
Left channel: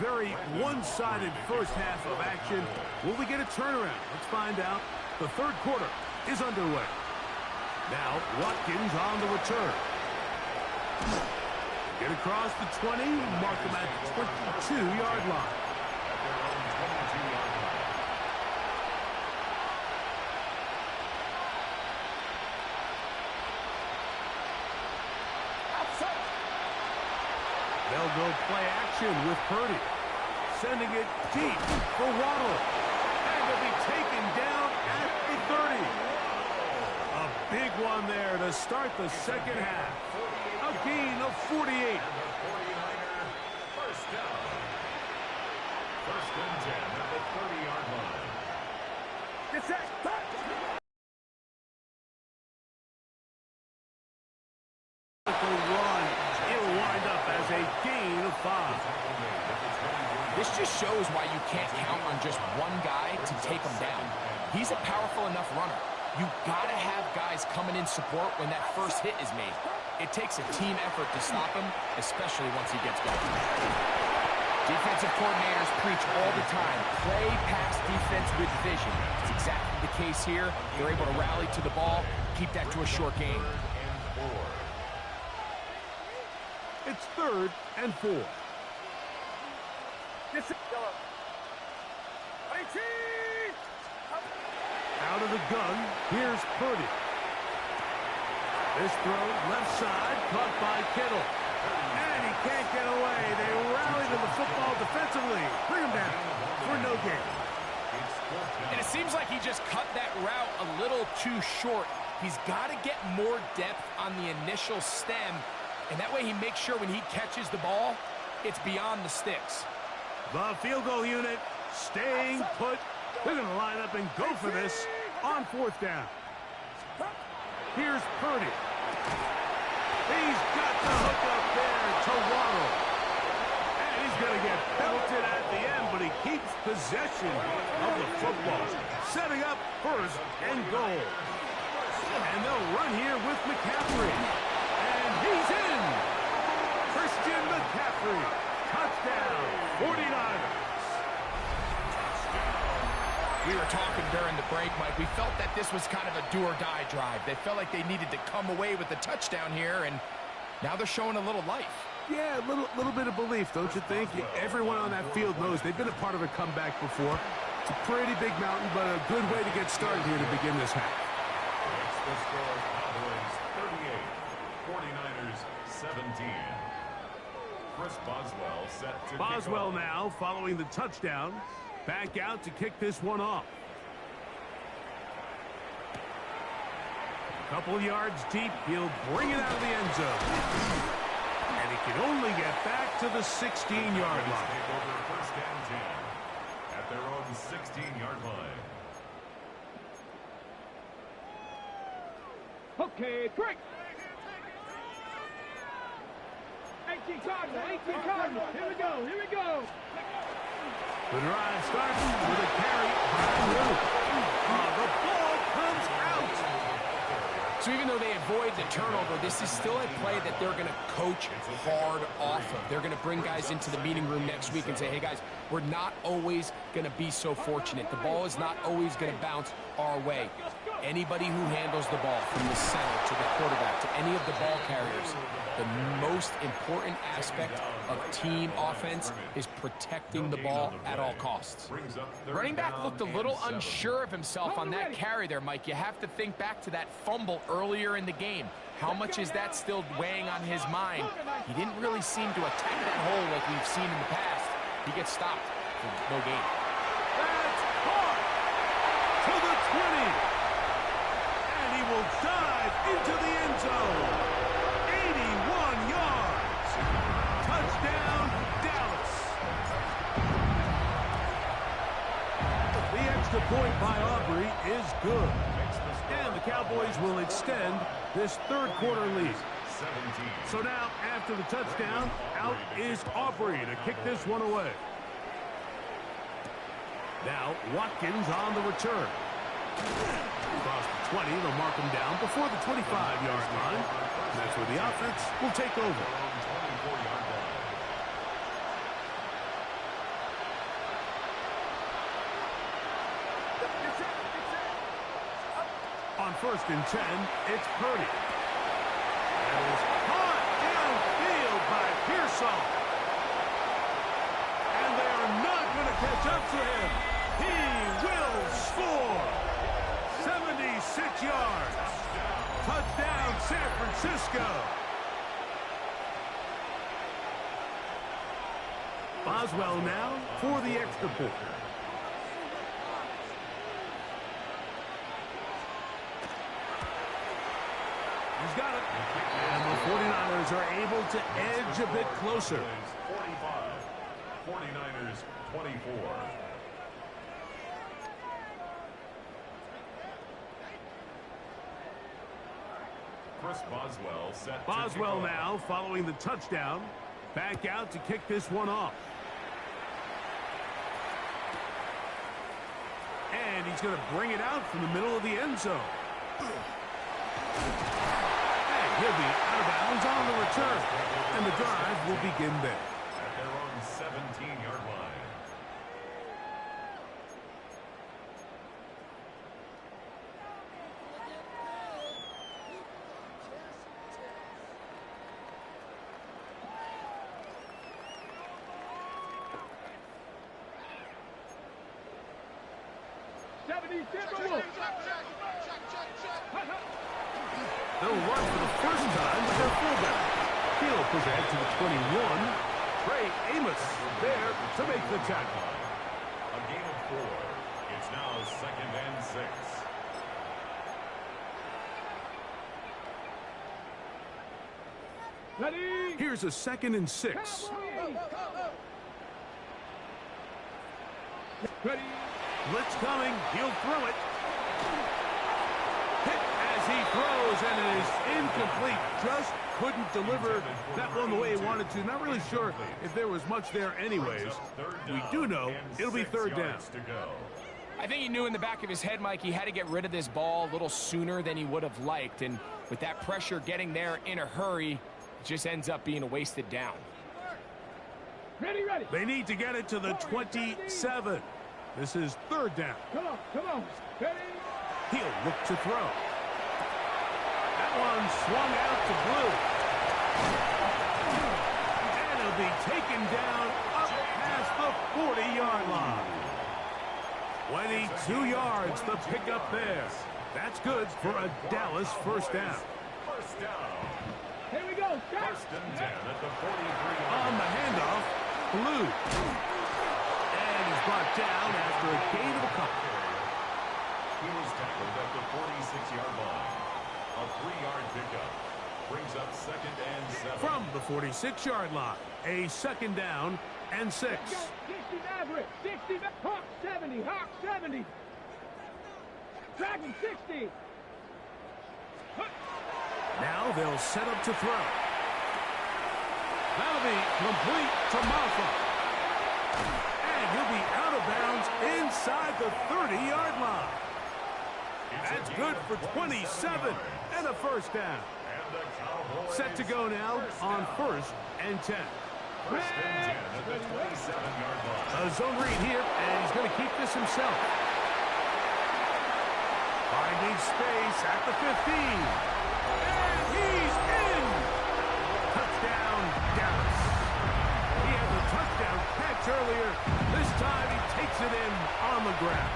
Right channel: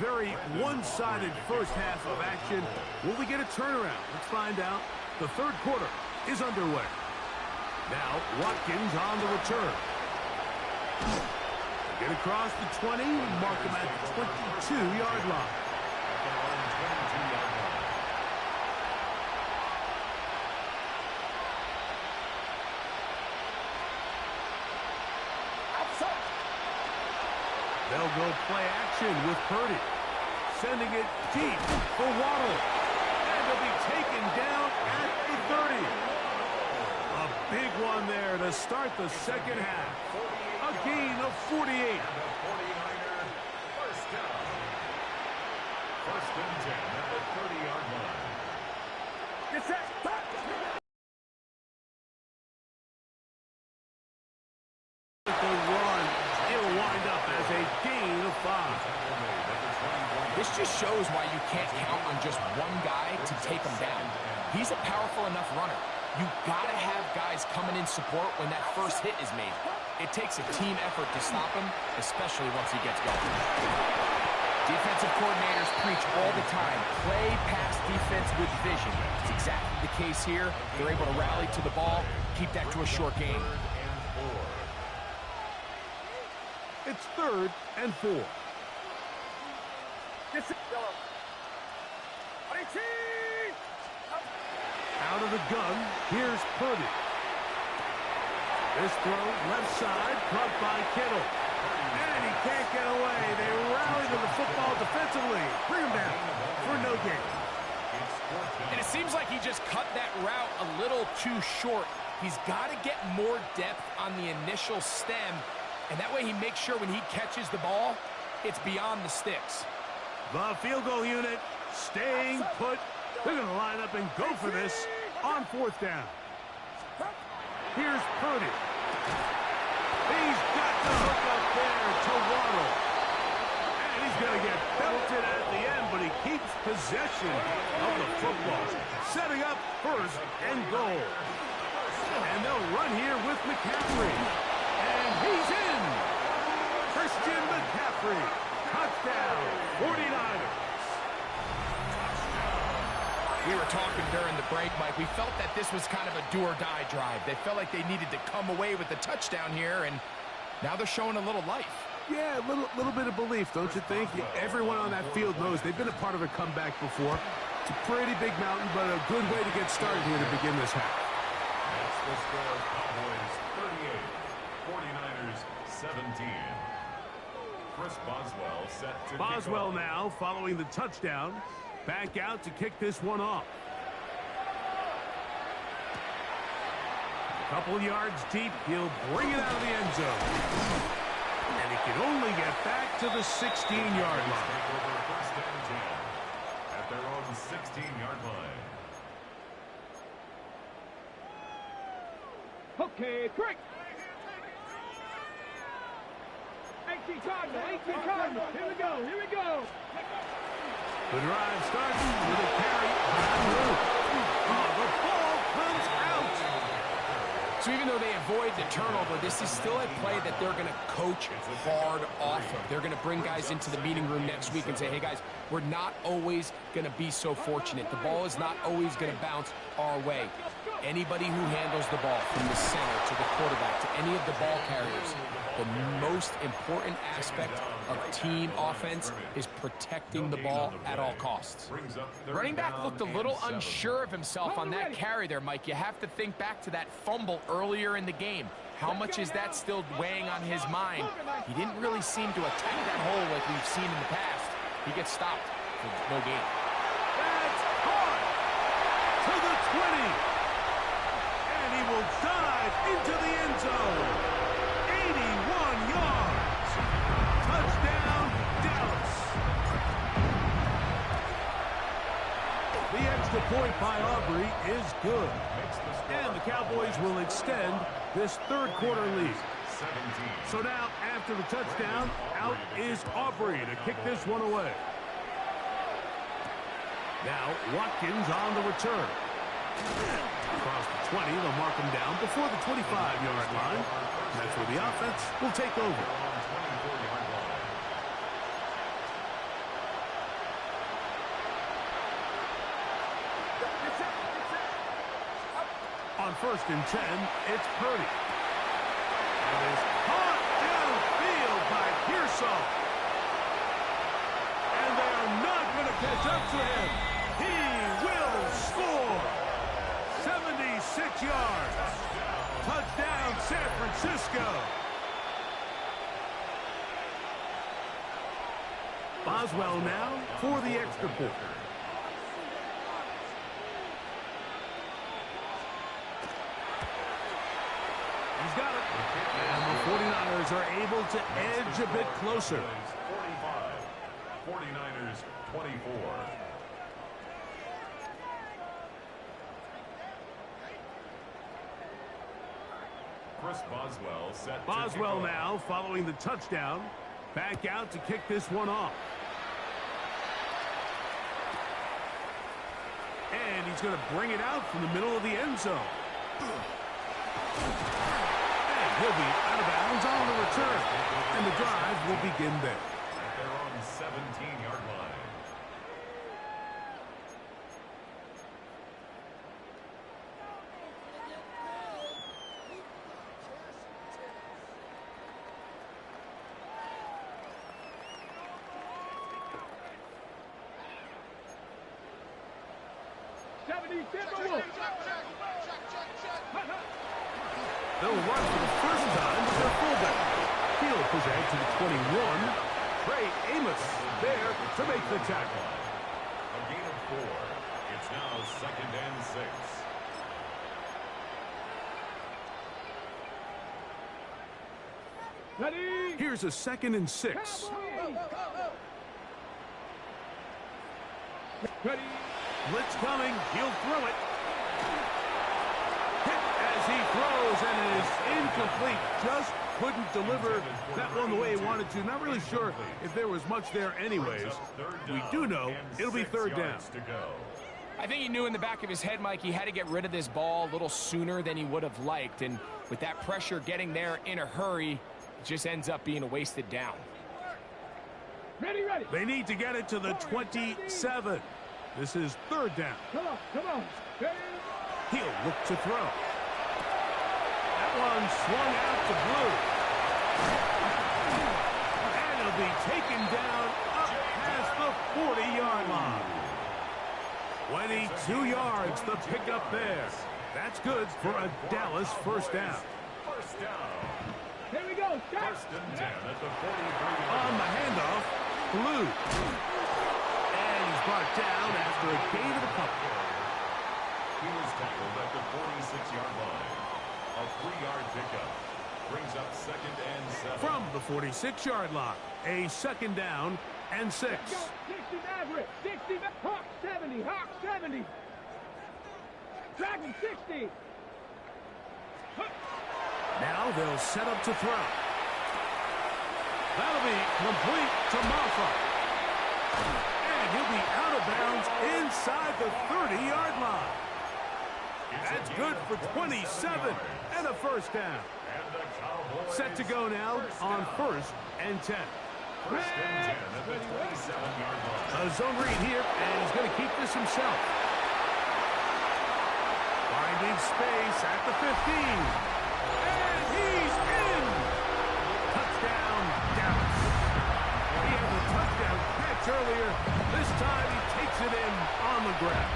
very one-sided first half of action. Will we get a turnaround? Let's find out. The third quarter is underway. Now, Watkins on the return. Get across the 20, mark him at the 22-yard line. At their own 22-yard line. Outside. They'll go play action with Purdy. Sending it deep for Waddle. And he'll be taken down at the 30. A big one there to start the second half. A gain of 48. And the 49er first down. First and 10 at the 30-yard line. Get set. Run. It'll wind up as a gain of 5. This just shows why you can't count on just one guy to take him down. He's a powerful enough runner. You gotta have guys coming in support when that first hit is made. It takes a team effort to stop him, especially once he gets going. Defensive coordinators preach all the time, play pass defense with vision. It's exactly the case here. They're able to rally to the ball, keep that to a short game. It's 3rd and 4. Get set. Yellow. 18. Out of the gun, here's Purdy. This throw, left side, caught by Kittle. And he can't get away. They rally to the football defensively. Bring him down for no gain. And it seems like he just cut that route a little too short. He's got to get more depth on the initial stem, and that way he makes sure when he catches the ball, it's beyond the sticks. The field goal unit staying put. They're going to line up and go for this on 4th down. Here's Purdy. He's got the hook up there to Waddle. And he's going to get belted at the end, but he keeps possession of the football. Setting up 1st and goal. And they'll run here with McCaffrey. And he's in. Christian McCaffrey. Touchdown, 49ers. We were talking during the break, Mike. We felt that this was kind of a do-or-die drive. They felt like they needed to come away with the touchdown here, and now they're showing a little life. Yeah, a little bit of belief, don't you think? Everyone on that field knows they've been a part of a comeback before. It's a pretty big mountain, but a good way to get started here to begin this half. It's the score: Cowboys 38, 49ers 17. Chris Boswell set to Boswell now following the touchdown. Back out to kick this one off. A couple yards deep. He'll bring it out of the end zone. And he can only get back to the 16-yard line. Take over 1st and 10 at their own 16-yard line. Okay, quick. 18 Cardinal, 18 Cardinal. Here we go, here we go. The drive starts with a carry by Luke. Oh, the ball comes out. So even though they avoid the turnover, this is still a play that they're going to coach hard off of. They're going to bring guys into the meeting room next week and say, hey, guys, we're not always going to be so fortunate. The ball is not always going to bounce our way. Anybody who handles the ball from the center to the quarterback to any of the ball carriers, the most important aspect of team offense is protecting the ball at all costs. Running back looked a little unsure of himself on that carry there, Mike. You have to think back to that fumble earlier in the game. How much is that still weighing on his mind? He didn't really seem to attack that hole like we've seen in the past. He gets stopped for no gain. That's caught to the 20. And he will dive into the end zone. 81 yards. Touchdown, Dallas. The extra point by Aubrey is good. And the Cowboys will extend this third quarter lead. So now, after the touchdown, out is Aubrey to kick this one away. Now, Watkins on the return. Across the 20, they'll mark him down before the 25-yard line. And that's where the offense will take over. first and 10, it's Purdy. And is caught downfield by Pearsall. And they are not going to catch up to him. He will score. 76 yards. Touchdown, San Francisco. Boswell now for the extra point. He's got it. And the 49ers are able to edge a bit closer. 45. 49ers 24. Chris Boswell set. Boswell now following the touchdown. Back out to kick this one off. And he's going to bring it out from the middle of the end zone. And he'll be out of bounds on the return. And the drive will begin there. At their own 17-yard line. They'll run for the first time with their fullback. He'll push ahead to the 21. Trey Amos there to make the tackle. A gain of 4. It's now 2nd and 6. Ready? Here's a 2nd and 6. Ready? Blitz coming. He'll throw it. Hit as he throws, and it is incomplete. Just couldn't deliver that one the way he wanted to. Not really sure if there was much there anyways. We do know it'll be 3rd down. I think he knew in the back of his head, Mike, he had to get rid of this ball a little sooner than he would have liked. And with that pressure getting there in a hurry, it just ends up being a wasted down. Ready, ready. They need to get it to the 27. This is 3rd down. Come on, come on. Ready? He'll look to throw. That one swung out to Blue. And he'll be taken down up past the 40-yard line. 22 yards the pickup there. That's good for a Dallas first down. First down. Here we go. Start. 1st and 10 at the 43-yard On line. the handoff, Blue. And he's brought down after a gain of a couple. He was tackled at the 46-yard line. A 3-yard pickup brings up 2nd and 7. From the 46-yard line, a 2nd down and 6. Let's go. 60 Maverick. 60 Hawk 70. Hawk 70. Dragon 60. Now they'll set up to throw. That'll be complete to Maffa. And he'll be out of bounds inside the 30-yard line. That's good for 27 and a first down. And the Cowboys Set to go now on 1st and 10. 1st and 10 at the 27-yard line. A zone read here, and he's going to keep this himself. Finding space at the 15. And he's in! Touchdown, Dallas. He had the touchdown catch earlier. This time he takes it in on the ground.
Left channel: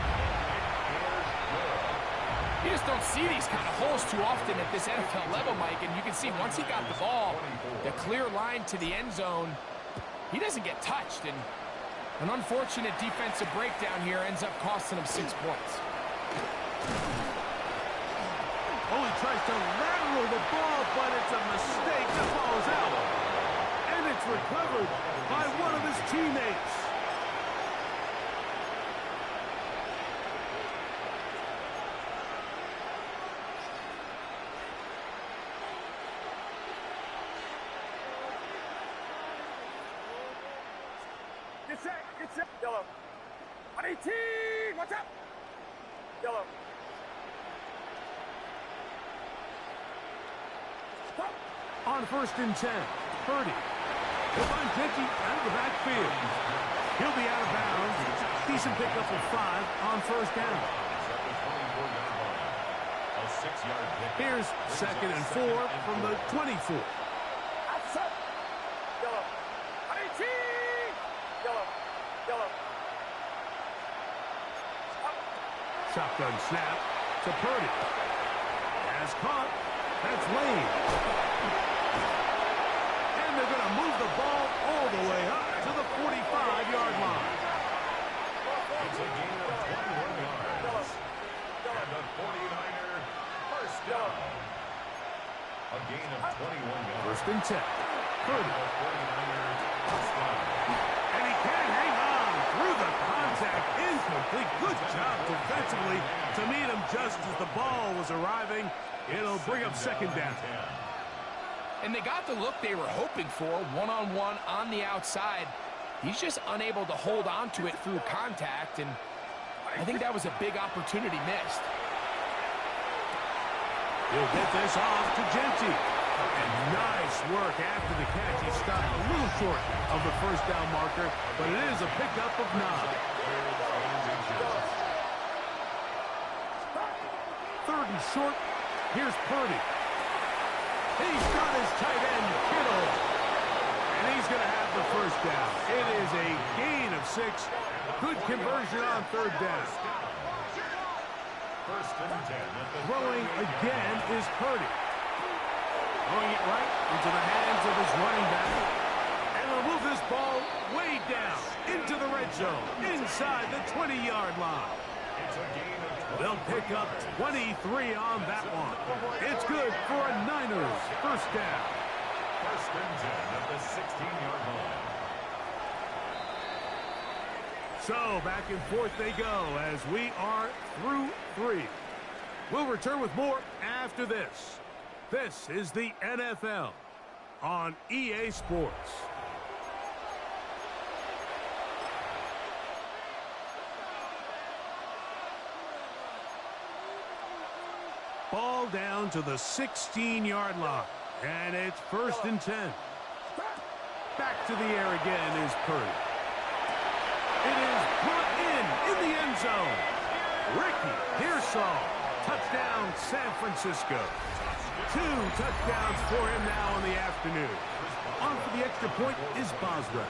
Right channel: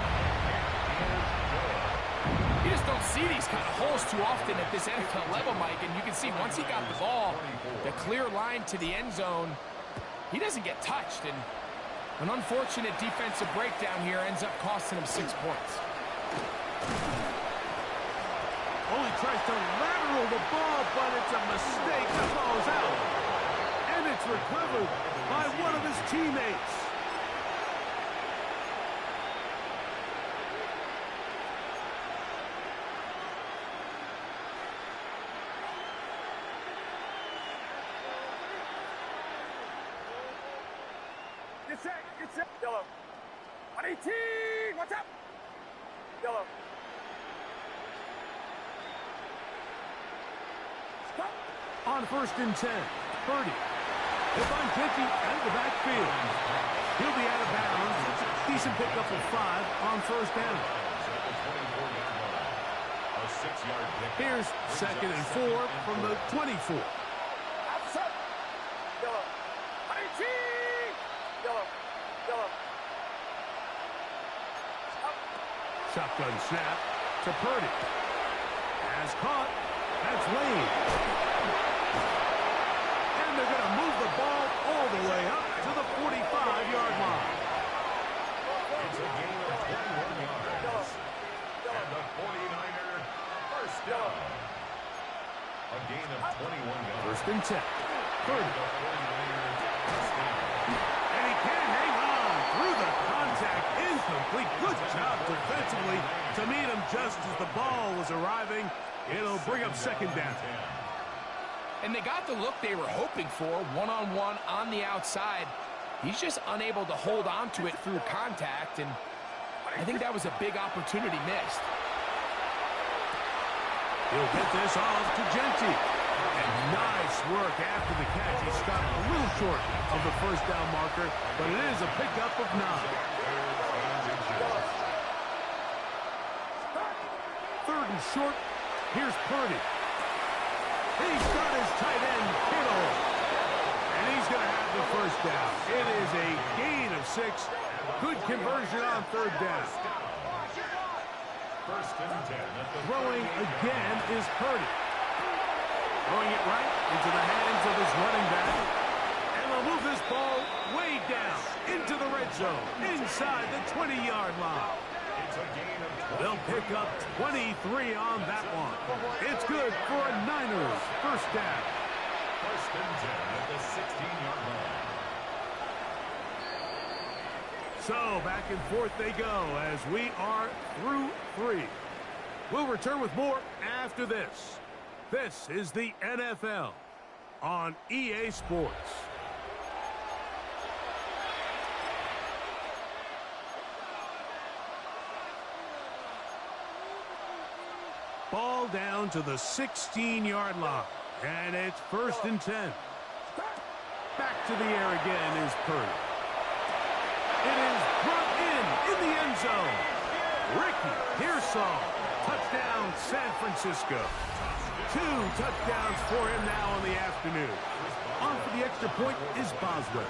You just don't see these kind of holes too often at this NFL level, Mike. And you can see once he got the ball, the clear line to the end zone, he doesn't get touched. And an unfortunate defensive breakdown here ends up costing him 6 points. Oh, he tries to lateral the ball, but it's a mistake. That ball is out. And it's recovered by one of his teammates. Get set. Yellow. 118. What's up? Yellow. Stop. On 1st and 10, Purdy. He'll find Kenty out of the backfield. He'll be out of bounds. Decent pickup of 5 on 1st down. At the 24-yard line. A A 6-yard pickup. Here's second and 4 from the 24. Outside. Yellow. 18. Yellow. Yellow. Shotgun snap to Purdy. Has caught. That's Lane. And they're going to move the ball all the way up to the 45-yard line. It's a gain of 21 yards. And the 49er first down. A gain of 21 yards. First and 10. Purdy. The 49er touchdown. And he can't hang on through the contact. Incomplete. Good job defensively to meet him just as the ball was arriving. It'll bring up second down. And they got the look they were hoping for, one-on-one on the outside. He's just unable to hold on to it through contact, and I think that was a big opportunity missed. He'll get this off to Genty. And nice work after the catch. He stopped a little short of the first down marker, but it is a pickup of 9. Third and short. Here's Purdy. He's got his tight end, Kittle. And he's going to have the first down. It is a gain of 6. Good conversion on third down. First and 10 at the Throwing again is Purdy. Throwing it right into the hands of his running back. And they'll move this ball way down into the red zone, inside the 20-yard line. It's a gain of 20. They'll pick up 23 on that one. It's good for a Niners first down. First and 10 at the 16-yard line. So back and forth they go as we are through 3. We'll return with more after this. This is the NFL on EA Sports. Ball down to the 16-yard line, and it's first and 10. Back to the air again is Purdy. It is brought in the end zone. Ricky Pearsall, touchdown San Francisco. 2 touchdowns for him now in the afternoon. On for the extra point is Boswell.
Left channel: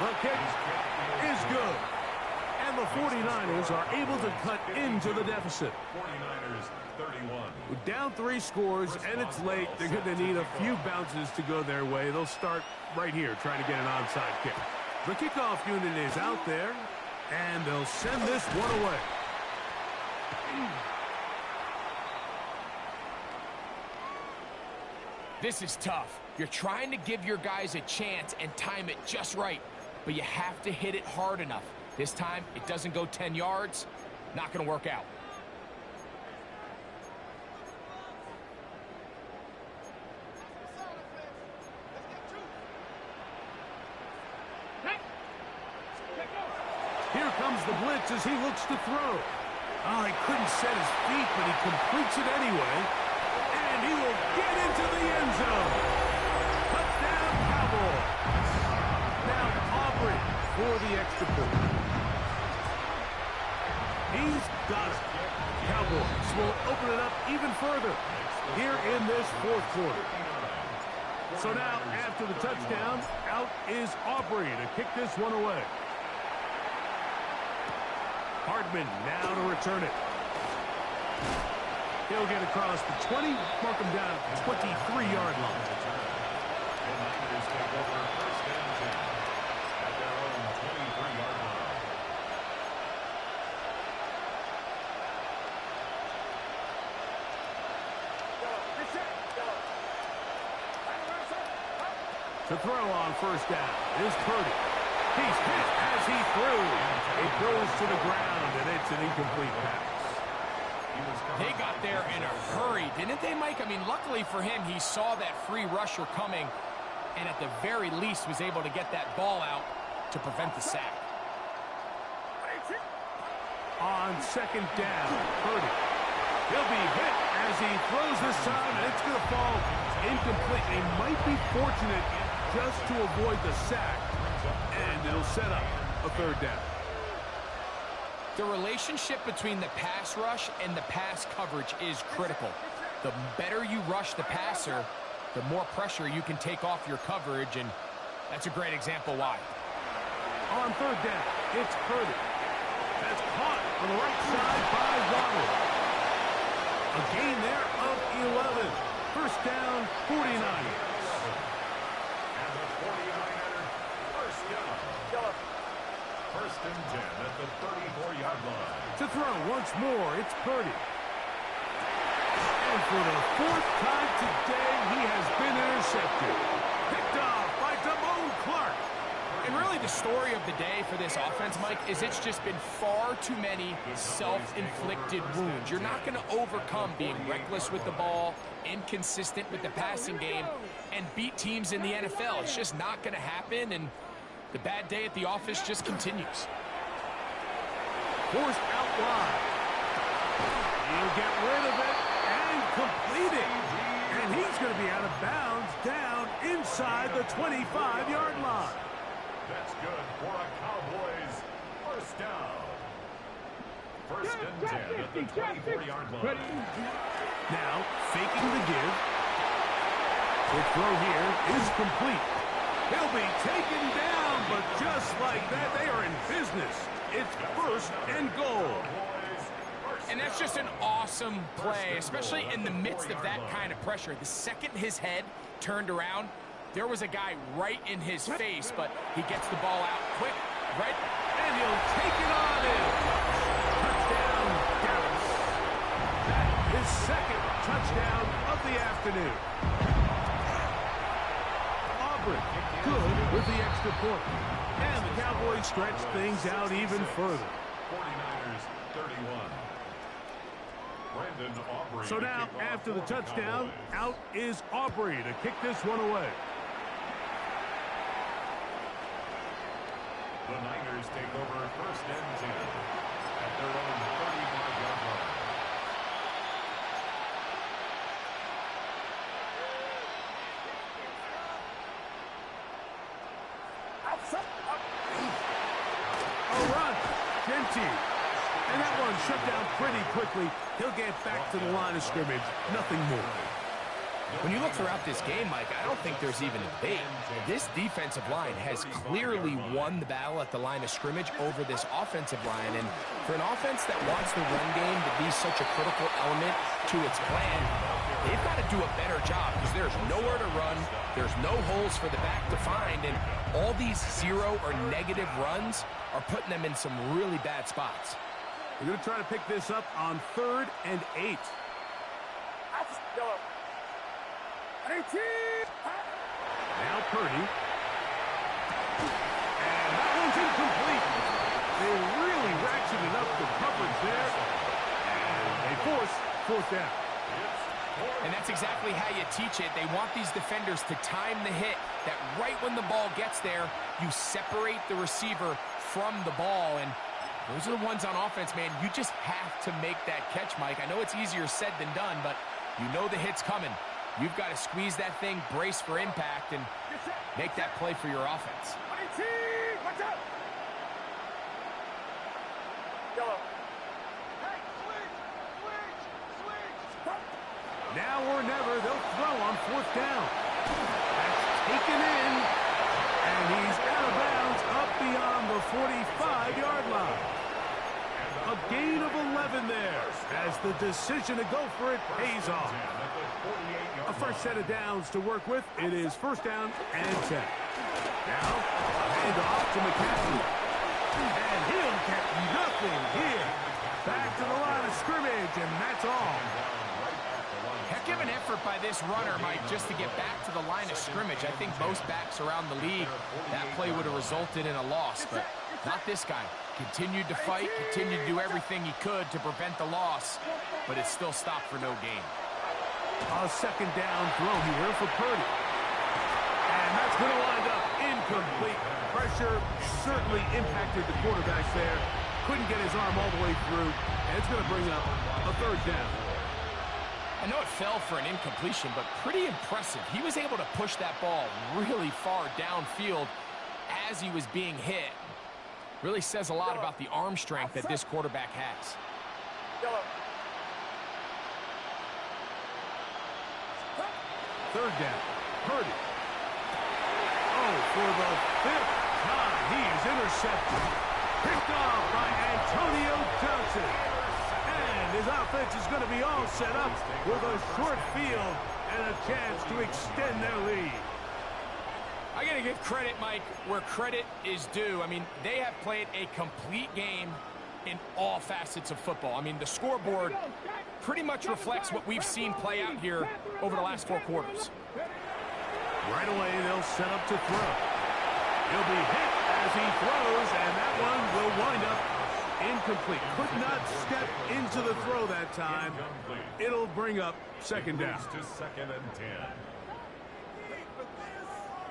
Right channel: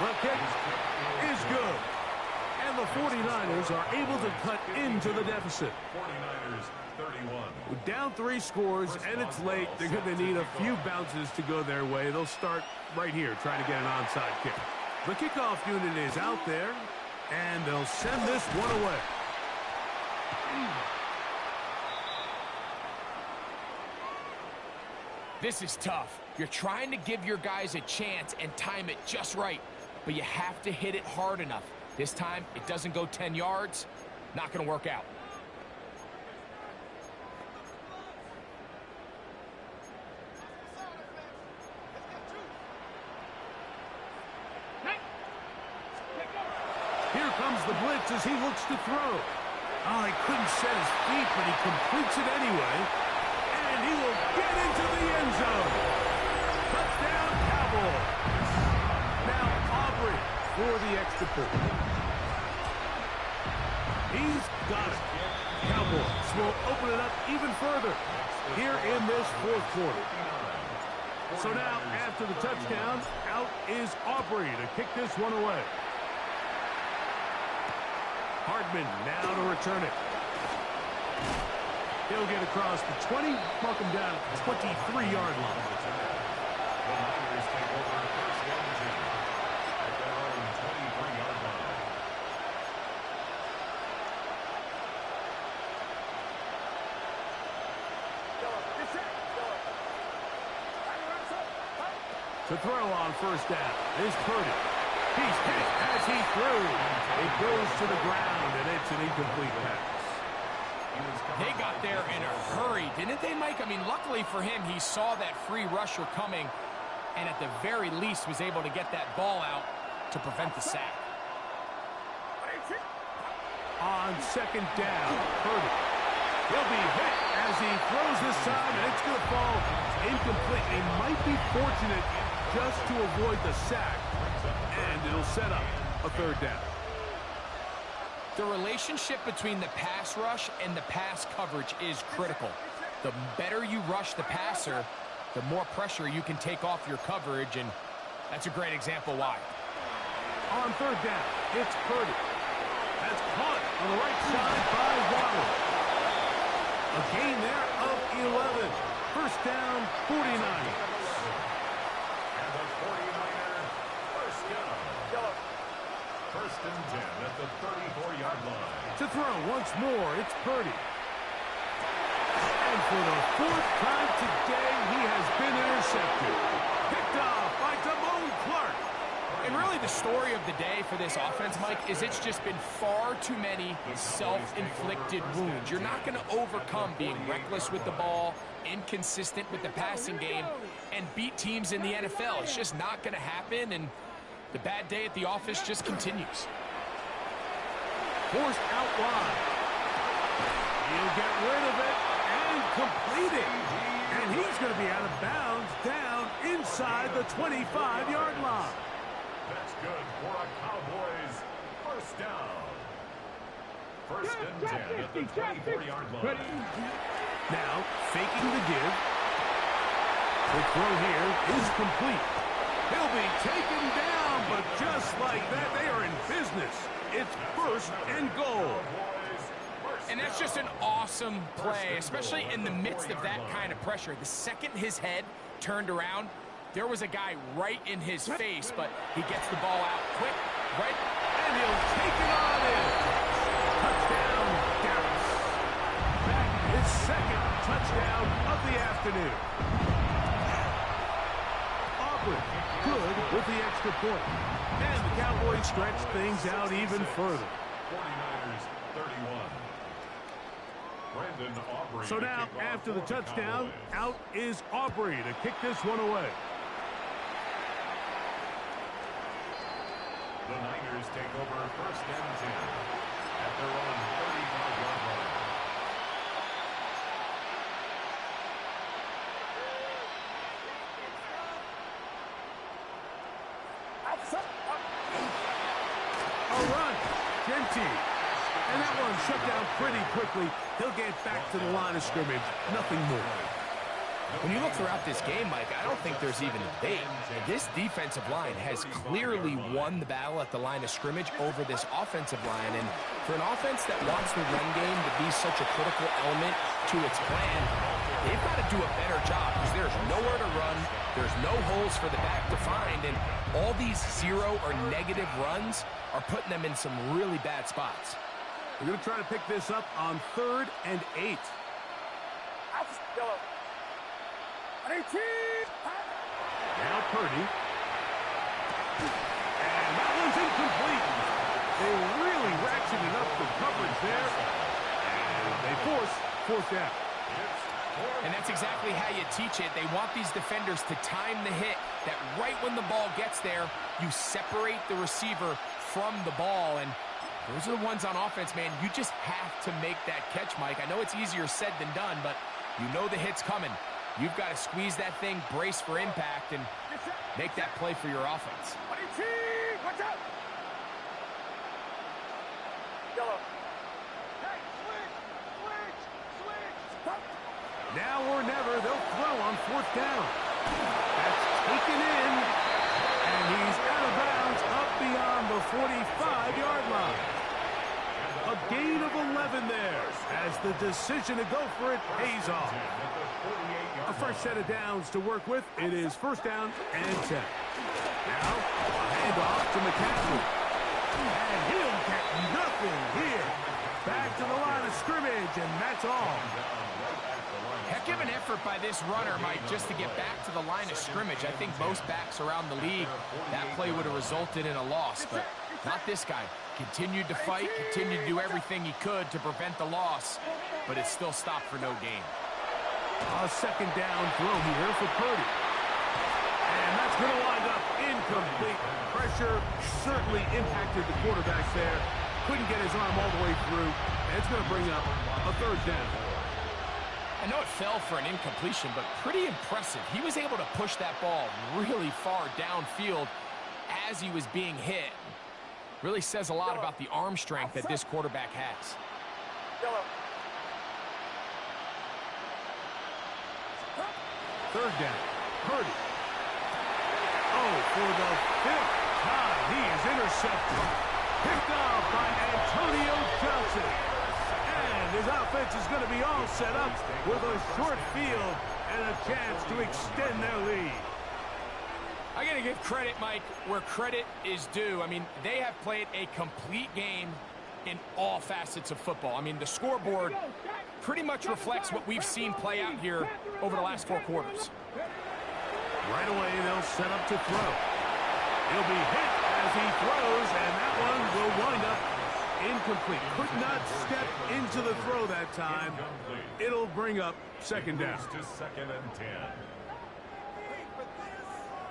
The kick is good. And the 49ers are able to cut into the deficit. 49ers 31. Down 3 scores, and it's late. They're going to need a few bounces to go their way. They'll start right here, trying to get an onside kick. The kickoff unit is out there, and they'll send this one away. This is tough. You're trying to give your guys a chance and time it just right, but you have to hit it hard enough. This time, it doesn't go 10 yards. Not going to work out. Here comes the blitz as he looks to throw. Oh, he couldn't set his feet, but he completes it anyway. And he will get into the end zone. Touchdown, Cowboys. Now Aubrey for the extra point. He's got it. Cowboys will open it up even further here in this fourth quarter. So now, after the touchdown, out is Aubrey to kick this one away. Hardman now to return it. He'll get across the 20, mark him down at the 23-yard line. The Niners take over first and 10 at their own 23-yard line. To throw on first down is Purdy. He's hit as he threw. It goes to the ground, and it's an incomplete pass. They got there in a hurry, didn't they, Mike? I mean, luckily for him, he saw that free rusher coming, and at the very least was able to get that ball out to prevent the sack. On second down, Purdy. He'll be hit as he throws this time, and it's going to fall incomplete. He might be fortunate just to avoid the sack, and it'll set up a third down. The relationship between the pass rush and the pass coverage is critical. The better you rush the passer, the more pressure you can take off your coverage, and that's a great example why. On third down, it's Purdy. That's caught on the right side by Waddle. A gain there of 11. First down, 49. And the 49er, first down. First and 10 at the 34-yard line. To throw once more, it's Purdy. And for the fourth time today, he has been intercepted. Picked off by Damone Clark. And really the story of the day for this offense, Mike, is it's just been far too many self-inflicted wounds. You're not going to overcome being reckless with the ball, inconsistent with the passing game, and beat teams in the NFL. It's just not going to happen, and the bad day at the office just continues. Forced out wide. He'll get rid of it and complete it. And he's going to be out of bounds down inside the 25-yard line. That's good for a Cowboys first down. First and 10 at the 24-yard line. Now, faking the give. The throw here is complete. He'll be taken down, but just like that, they are in business. It's first and goal. And that's just an awesome play, especially in the midst of that kind of pressure. The second his head turned around, there was a guy right in his face, but he gets the ball out quick, right? And he'll take it on in. Touchdown, Dallas. That is second touchdown of the afternoon. Aubrey, good with the extra point. And the Cowboys stretch things out even further. 49ers 31. Brandon Aubrey. So now, after the touchdown, out is Aubrey to kick this one away. The Niners take over first and 10 at their own 35-yard line. A run. Genty. And that one shut down pretty quickly. He'll get back to the line of scrimmage. Nothing more. When you look throughout this game, Mike, I don't think there's even a debate. This defensive line has clearly won the battle at the line of scrimmage over this offensive line. And for an offense that wants the run game to be such a critical element to its plan, they've got to do a better job because there's nowhere to run. There's no holes for the back to find. And all these zero or negative runs are putting them in some really bad spots. We're going to try to pick this up on 3rd and 8. Now Purdy. And that one's incomplete. They really ratcheted up the coverage there. And they force 4th down. And that's exactly how you teach it. They want these defenders to time the hit, that right when the ball gets there, you separate the receiver from the ball. And those are the ones on offense, man. You just have to make that catch, Mike. I know it's easier said than done, but you know the hit's coming. You've got to squeeze that thing, brace for impact, and make that play for your offense. Watch out! Yellow. Hey, switch! Now or never, they'll throw on 4th down. That's taken in, and he's out of bounds up beyond the 45-yard line. A gain of 11 there as the decision to go for it pays off. A first set of downs to work with. It is 1st down and 10. Now, a handoff to McCaffrey. And he'll get nothing here. Back to the line of scrimmage, and that's all. Heck of an effort by this runner, Mike, just to get back to the line of scrimmage. I think most backs around the league, that play would have resulted in a loss, but not this guy. Continued to fight, continued to do everything he could to prevent the loss, but it still stopped for no gain. A 2nd down throw here for Purdy. And that's going to wind up incomplete. Pressure certainly impacted the quarterback there. Couldn't get his arm all the way through, and it's going to bring up a 3rd down. I know it fell for an incompletion, but pretty impressive. He was able to push that ball really far downfield as he was being hit. Really says a lot about the arm strength that this quarterback has. Yellow. Third down. Purdy. Oh, for the 5th time, he is intercepted. Picked off by Antonio Johnson. And his offense is going to be all set up with a short field and a chance to extend their lead. I got to give credit, Mike, where credit is due. I mean, they have played a complete game in all facets of football. I mean, the scoreboard pretty much reflects what we've seen play out here over the last 4 quarters. Right away, they'll set up to throw. He'll be hit as he throws, and that one will wind up incomplete. Could not step into the throw that time. It'll bring up second down. To second and 10.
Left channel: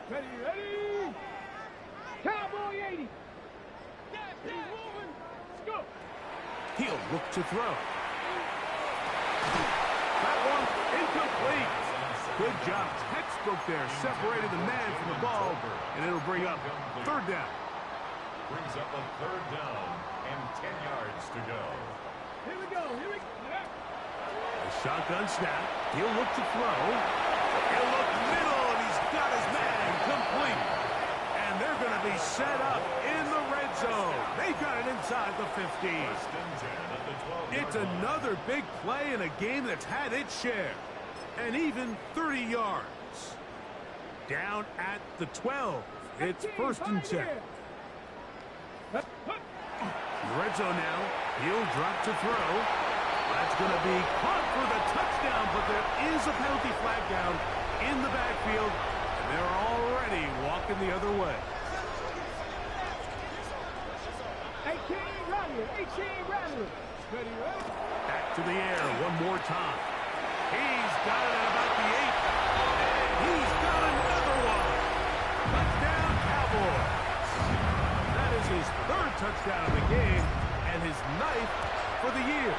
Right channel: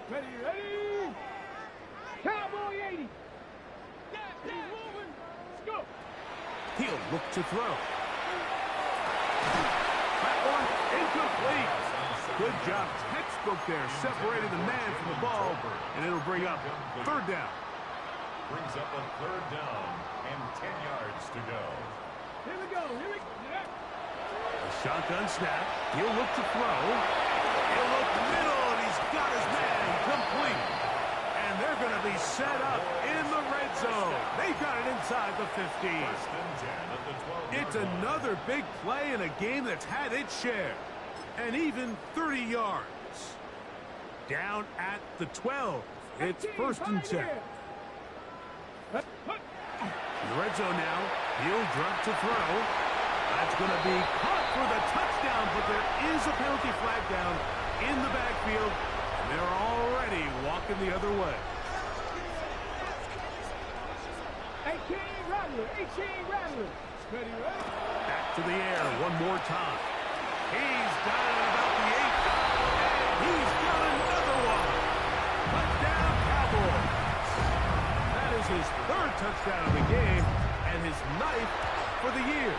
Ready, ready. Cowboy 80. He's moving. Let's go. He'll look to throw. That one incomplete. Good job. Textbook there. Separated the man from the ball, and it'll bring up third down. Brings up a third down and 10 yards to go. Here we go. Here we go. A shotgun snap. He'll look to throw. He'll look middle, and he's got his man complete. And they're going to be set up in the red zone. They've got it inside the 15. First and 10 at the 12-yard It's line. another big play in a game that's had its share. And even 30 yards. Down at the 12. It's first and 10. In the red zone now. He'll drop to throw. That's going to be caught for the touchdown, but there is a penalty flag down in the backfield, and they're already walking the other way. 18 Rattler. 18 Rattler. Ready, ready. Back to the air one more time. He's got it at about the 8, and he's got another one. Touchdown, Cowboys. That is his 3rd touchdown of the game and his 9th for the year.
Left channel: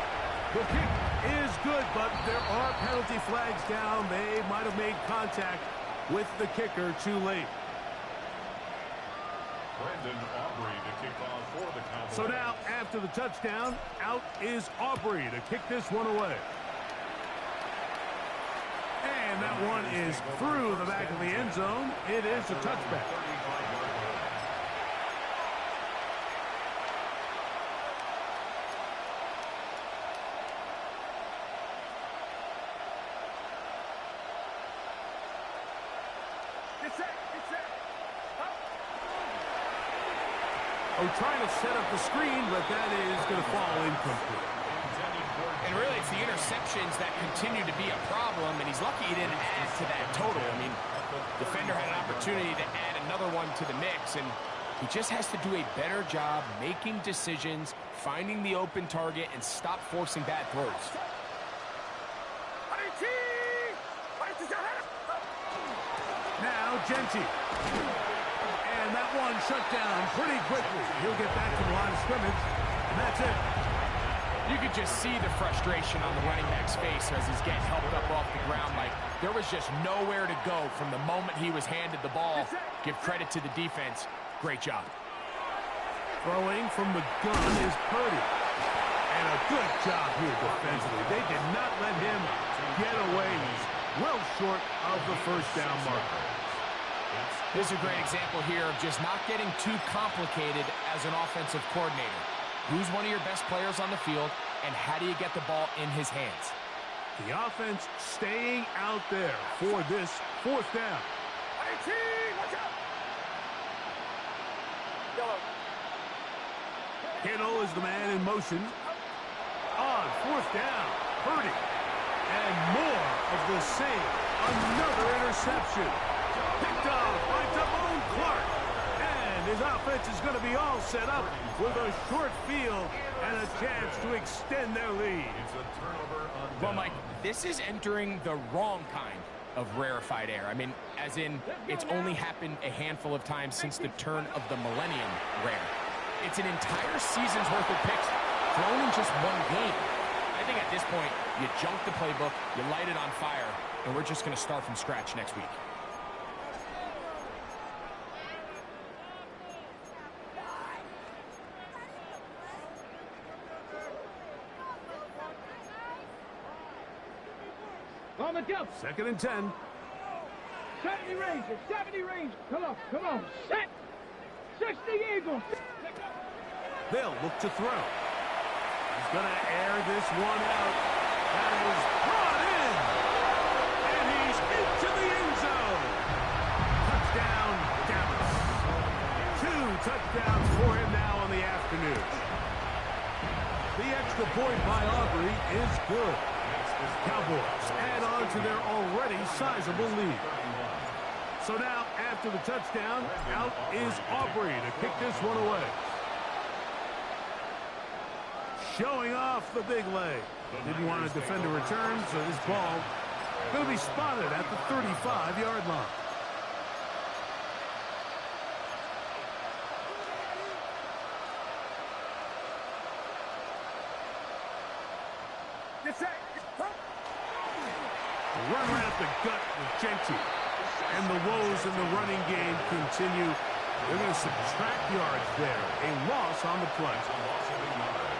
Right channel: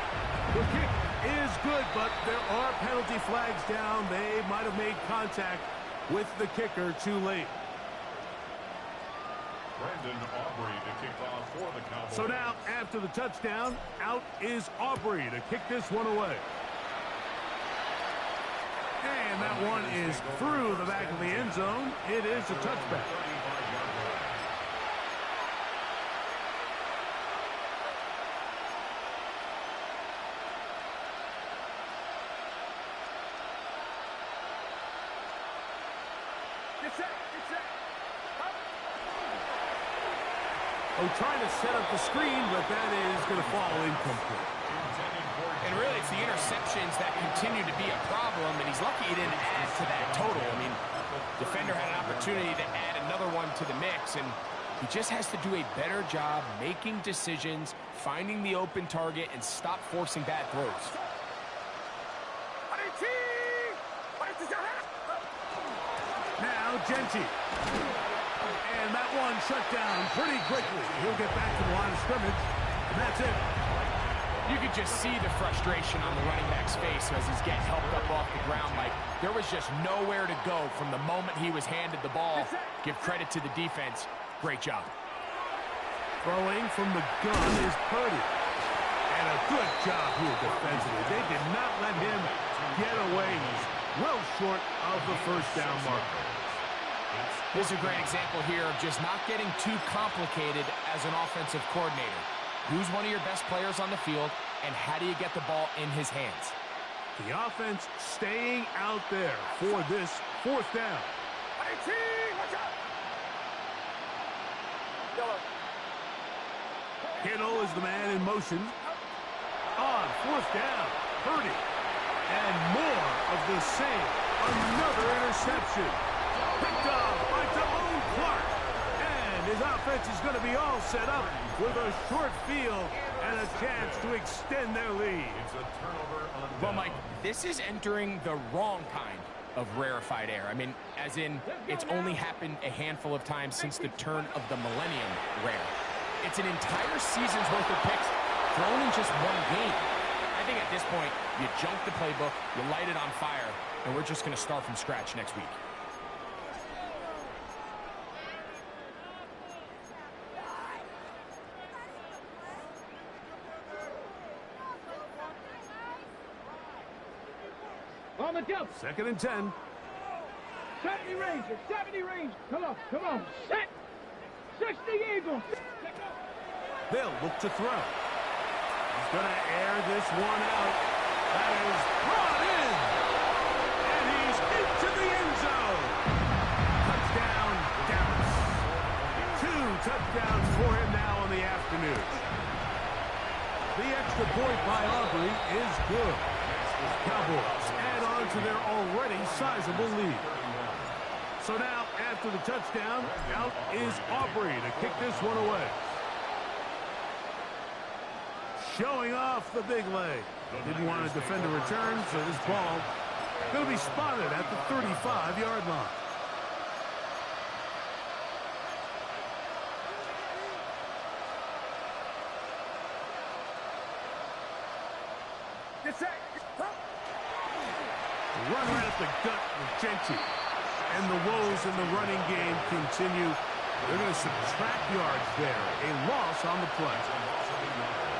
The kick is good, but there are penalty flags down. They might have made contact with the kicker too late. Brandon Aubrey to kick off for the Cowboys. So now, after the touchdown, out is Aubrey to kick this one away. And that one is through the back of the end zone. It is a touchback. 35-yard line. Get set. Get set. Up. Oh, trying to set up the screen, but that is going to fall incomplete. And really, it's the interceptions that continue to be a problem, and he's lucky he didn't add to that total. I mean, defender had an opportunity to add another one to the mix, and he just has to do a better job making decisions, finding the open target, and stop forcing bad throws. Now, Genty. And that one shut down pretty quickly. He'll get back to the line of scrimmage, and that's it. You could just see the frustration on the running back's face as he's getting helped up off the ground. Like, there was just nowhere to go from the moment he was handed the ball. Give credit to the defense. Great job. Throwing from the gun is Purdy. And a good job here defensively. They did not let him get away. He's well short of the first down marker. This is a great example here of just not getting too complicated as an offensive coordinator. Who's one of your best players on the field, and how do you get the ball in his hands? The offense staying out there for this 4th down. 18. Watch out. Yellow. Kittle is the man in motion. On 4th down, Purdy. And more of the same. Another interception. Picked off by Damone Clark. And his offense is going to be all set up with a short field and a chance to extend their lead. It's a turnover on Well, down. Mike, this is entering the wrong kind of rarefied air. I mean, as in, it's only happened a handful of times since the turn of the millennium rare. It's an entire season's worth of picks thrown in just one game. I think at this point, you junk the playbook, you light it on fire, and we're just going to start from scratch next week. On the jump. 2nd and 10. 70 Rangers. 70 Rangers. Come on. Come on. Set. 60 Eagles. They'll look to throw. He's going to air this one out. That is brought in. And he's into the end zone. Touchdown, Dallas. 2 touchdowns for him now on the afternoon. The extra point by Aubrey is good. Cowboys add on to their already sizable lead. So now, after the touchdown, out is Aubrey to kick this one away. Showing off the big leg. Didn't want to defend a return, so this ball going to be spotted at the 35-yard line. Get set. Run right up the gut with Genty. And the woes in the running game continue. They're going to subtract yards there. A loss on the play.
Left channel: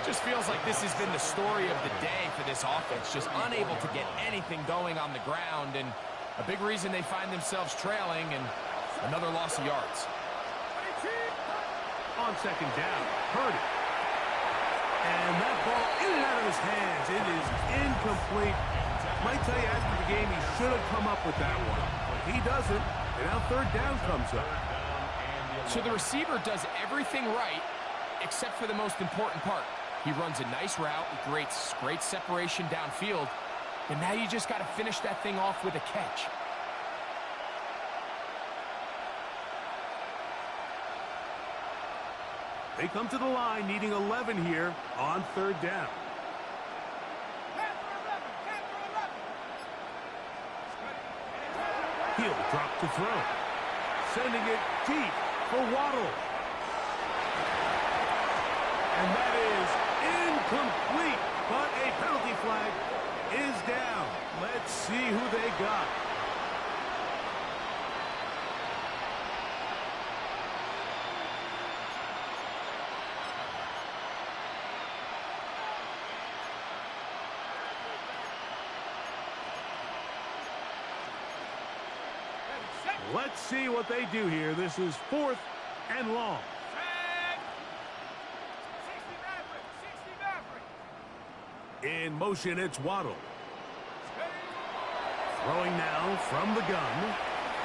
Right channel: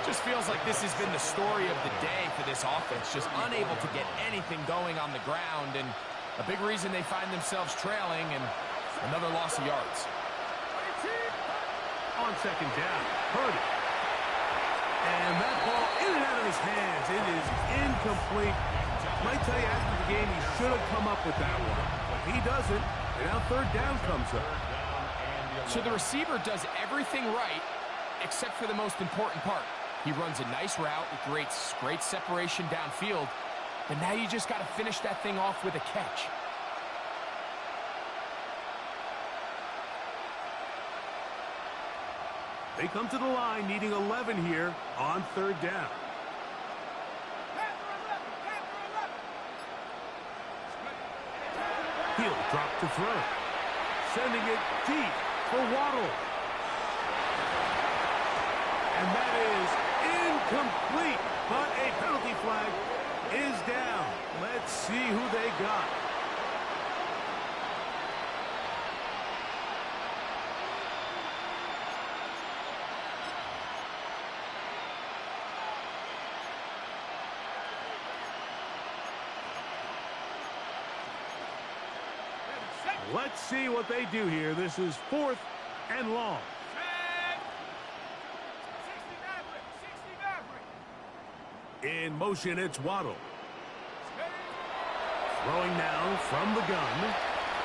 Just feels like this has been the story of the day for this offense. Just unable to get anything going on the ground. And a big reason they find themselves trailing and another loss of yards. On 2nd down. Heard it. And that ball in and out of his hands. It is incomplete. Might tell you after the game he should have come up with that one. But he doesn't. And now 3rd down comes up. So the receiver does everything right except for the most important part. He runs a nice route, creates great separation downfield, and now you just got to finish that thing off with a catch. They come to the line needing 11 here on 3rd down. He'll drop to throw. Sending it deep for Waddle. And that is incomplete, but a penalty flag is down. Let's see who they got. Let's see what they do here. This is 4th and long. In motion, it's Waddle. Throwing now from the gun.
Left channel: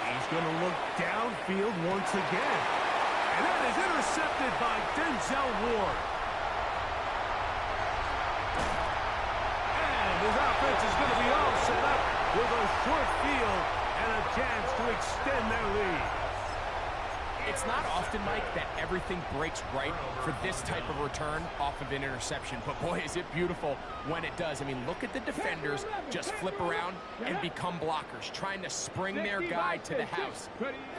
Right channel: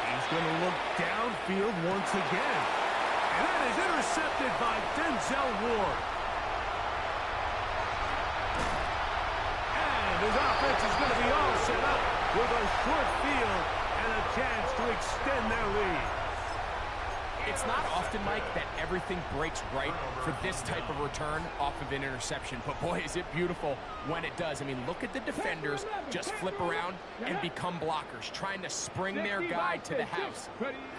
He's going to look downfield once again. And that is intercepted by Denzel Ward. And his offense is going to be all set up with a short field and a chance to extend their lead. It's not often, Mike, that everything breaks right for this type of return off of an interception. But, boy, is it beautiful when it does. I mean, look at the defenders just flip around and become blockers, trying to spring their guy to the house.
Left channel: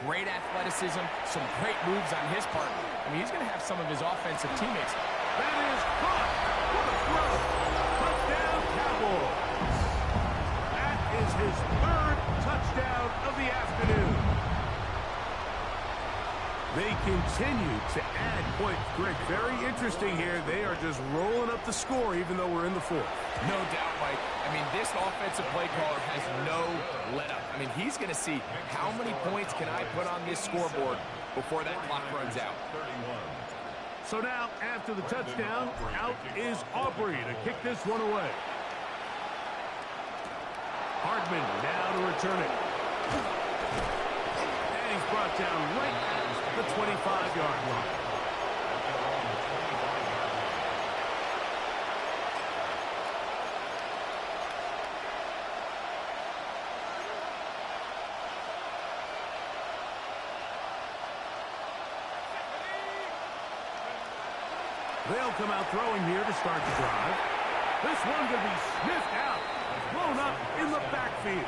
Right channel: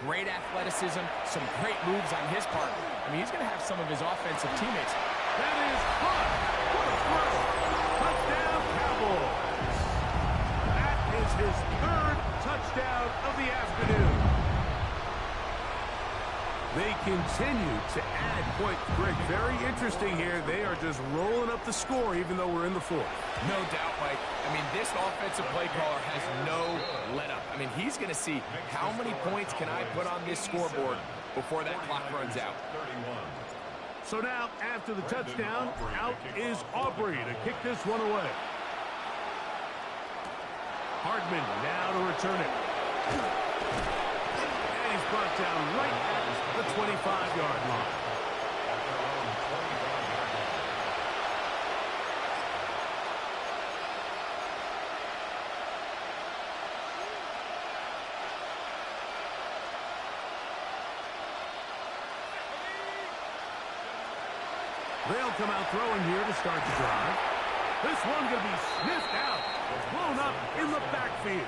Great athleticism, some great moves on his part. I mean, he's going to have some of his offensive teammates. That is caught. What a throw. Touchdown, Cowboys. That is his 3rd touchdown of the afternoon. They continue to add points. Greg, very interesting here. They are just rolling up the score even though we're in the 4th. No doubt, Mike. I mean, this offensive play caller has no let-up. I mean, he's going to see how many points can I put on this scoreboard before that clock runs out. So now, after the touchdown, out is Aubrey to kick this one away. Hardman now to return it. And he's brought down right at the 25-yard line. At their own 25-yard line. They'll come out throwing here to start the drive. This one going to be sniffed out, blown up in the backfield.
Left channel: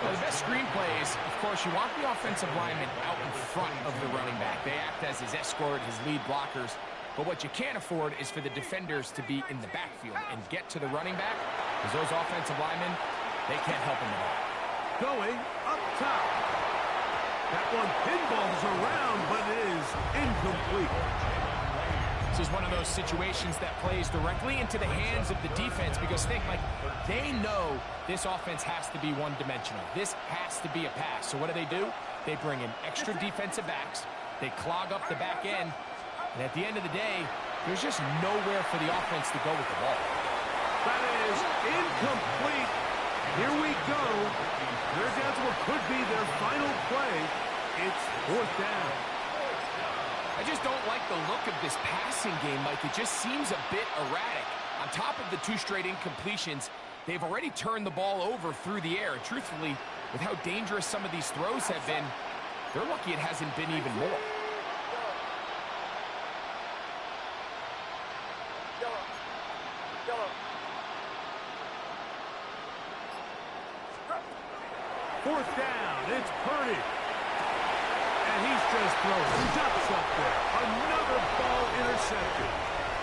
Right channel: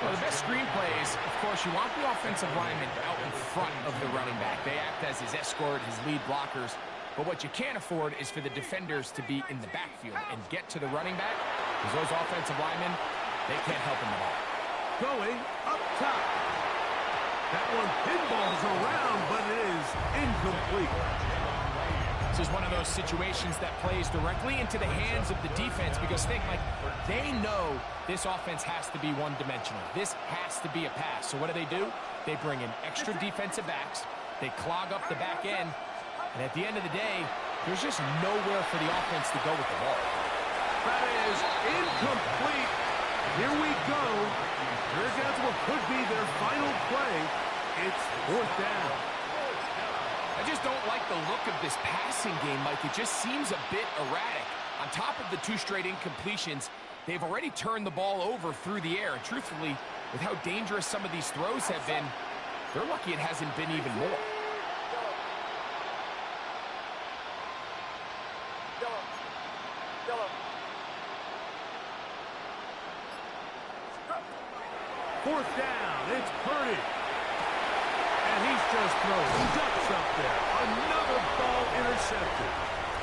Well, the best screenplays, of course, you want the offensive lineman out in front of the running back. They act as his escort, his lead blockers. But what you can't afford is for the defenders to be in the backfield and get to the running back, because those offensive linemen, they can't help him at all. Going up top. That one pinballs around, but it is incomplete. This is one of those situations that plays directly into the hands of the defense because think, like, they know this offense has to be one-dimensional. This has to be a pass. So what do? They bring in extra defensive backs. They clog up the back end. And at the end of the day, there's just nowhere for the offense to go with the ball. That is incomplete. Here we go. They're down to what could be their final play. It's 4th down. I just don't like the look of this passing game, Mike. It just seems a bit erratic. On top of the 2 straight incompletions, they've already turned the ball over through the air. And truthfully, with how dangerous some of these throws have been, they're lucky it hasn't been even more. Fourth down, it's Purdy. And he's just throwing ducks up there. Another ball intercepted.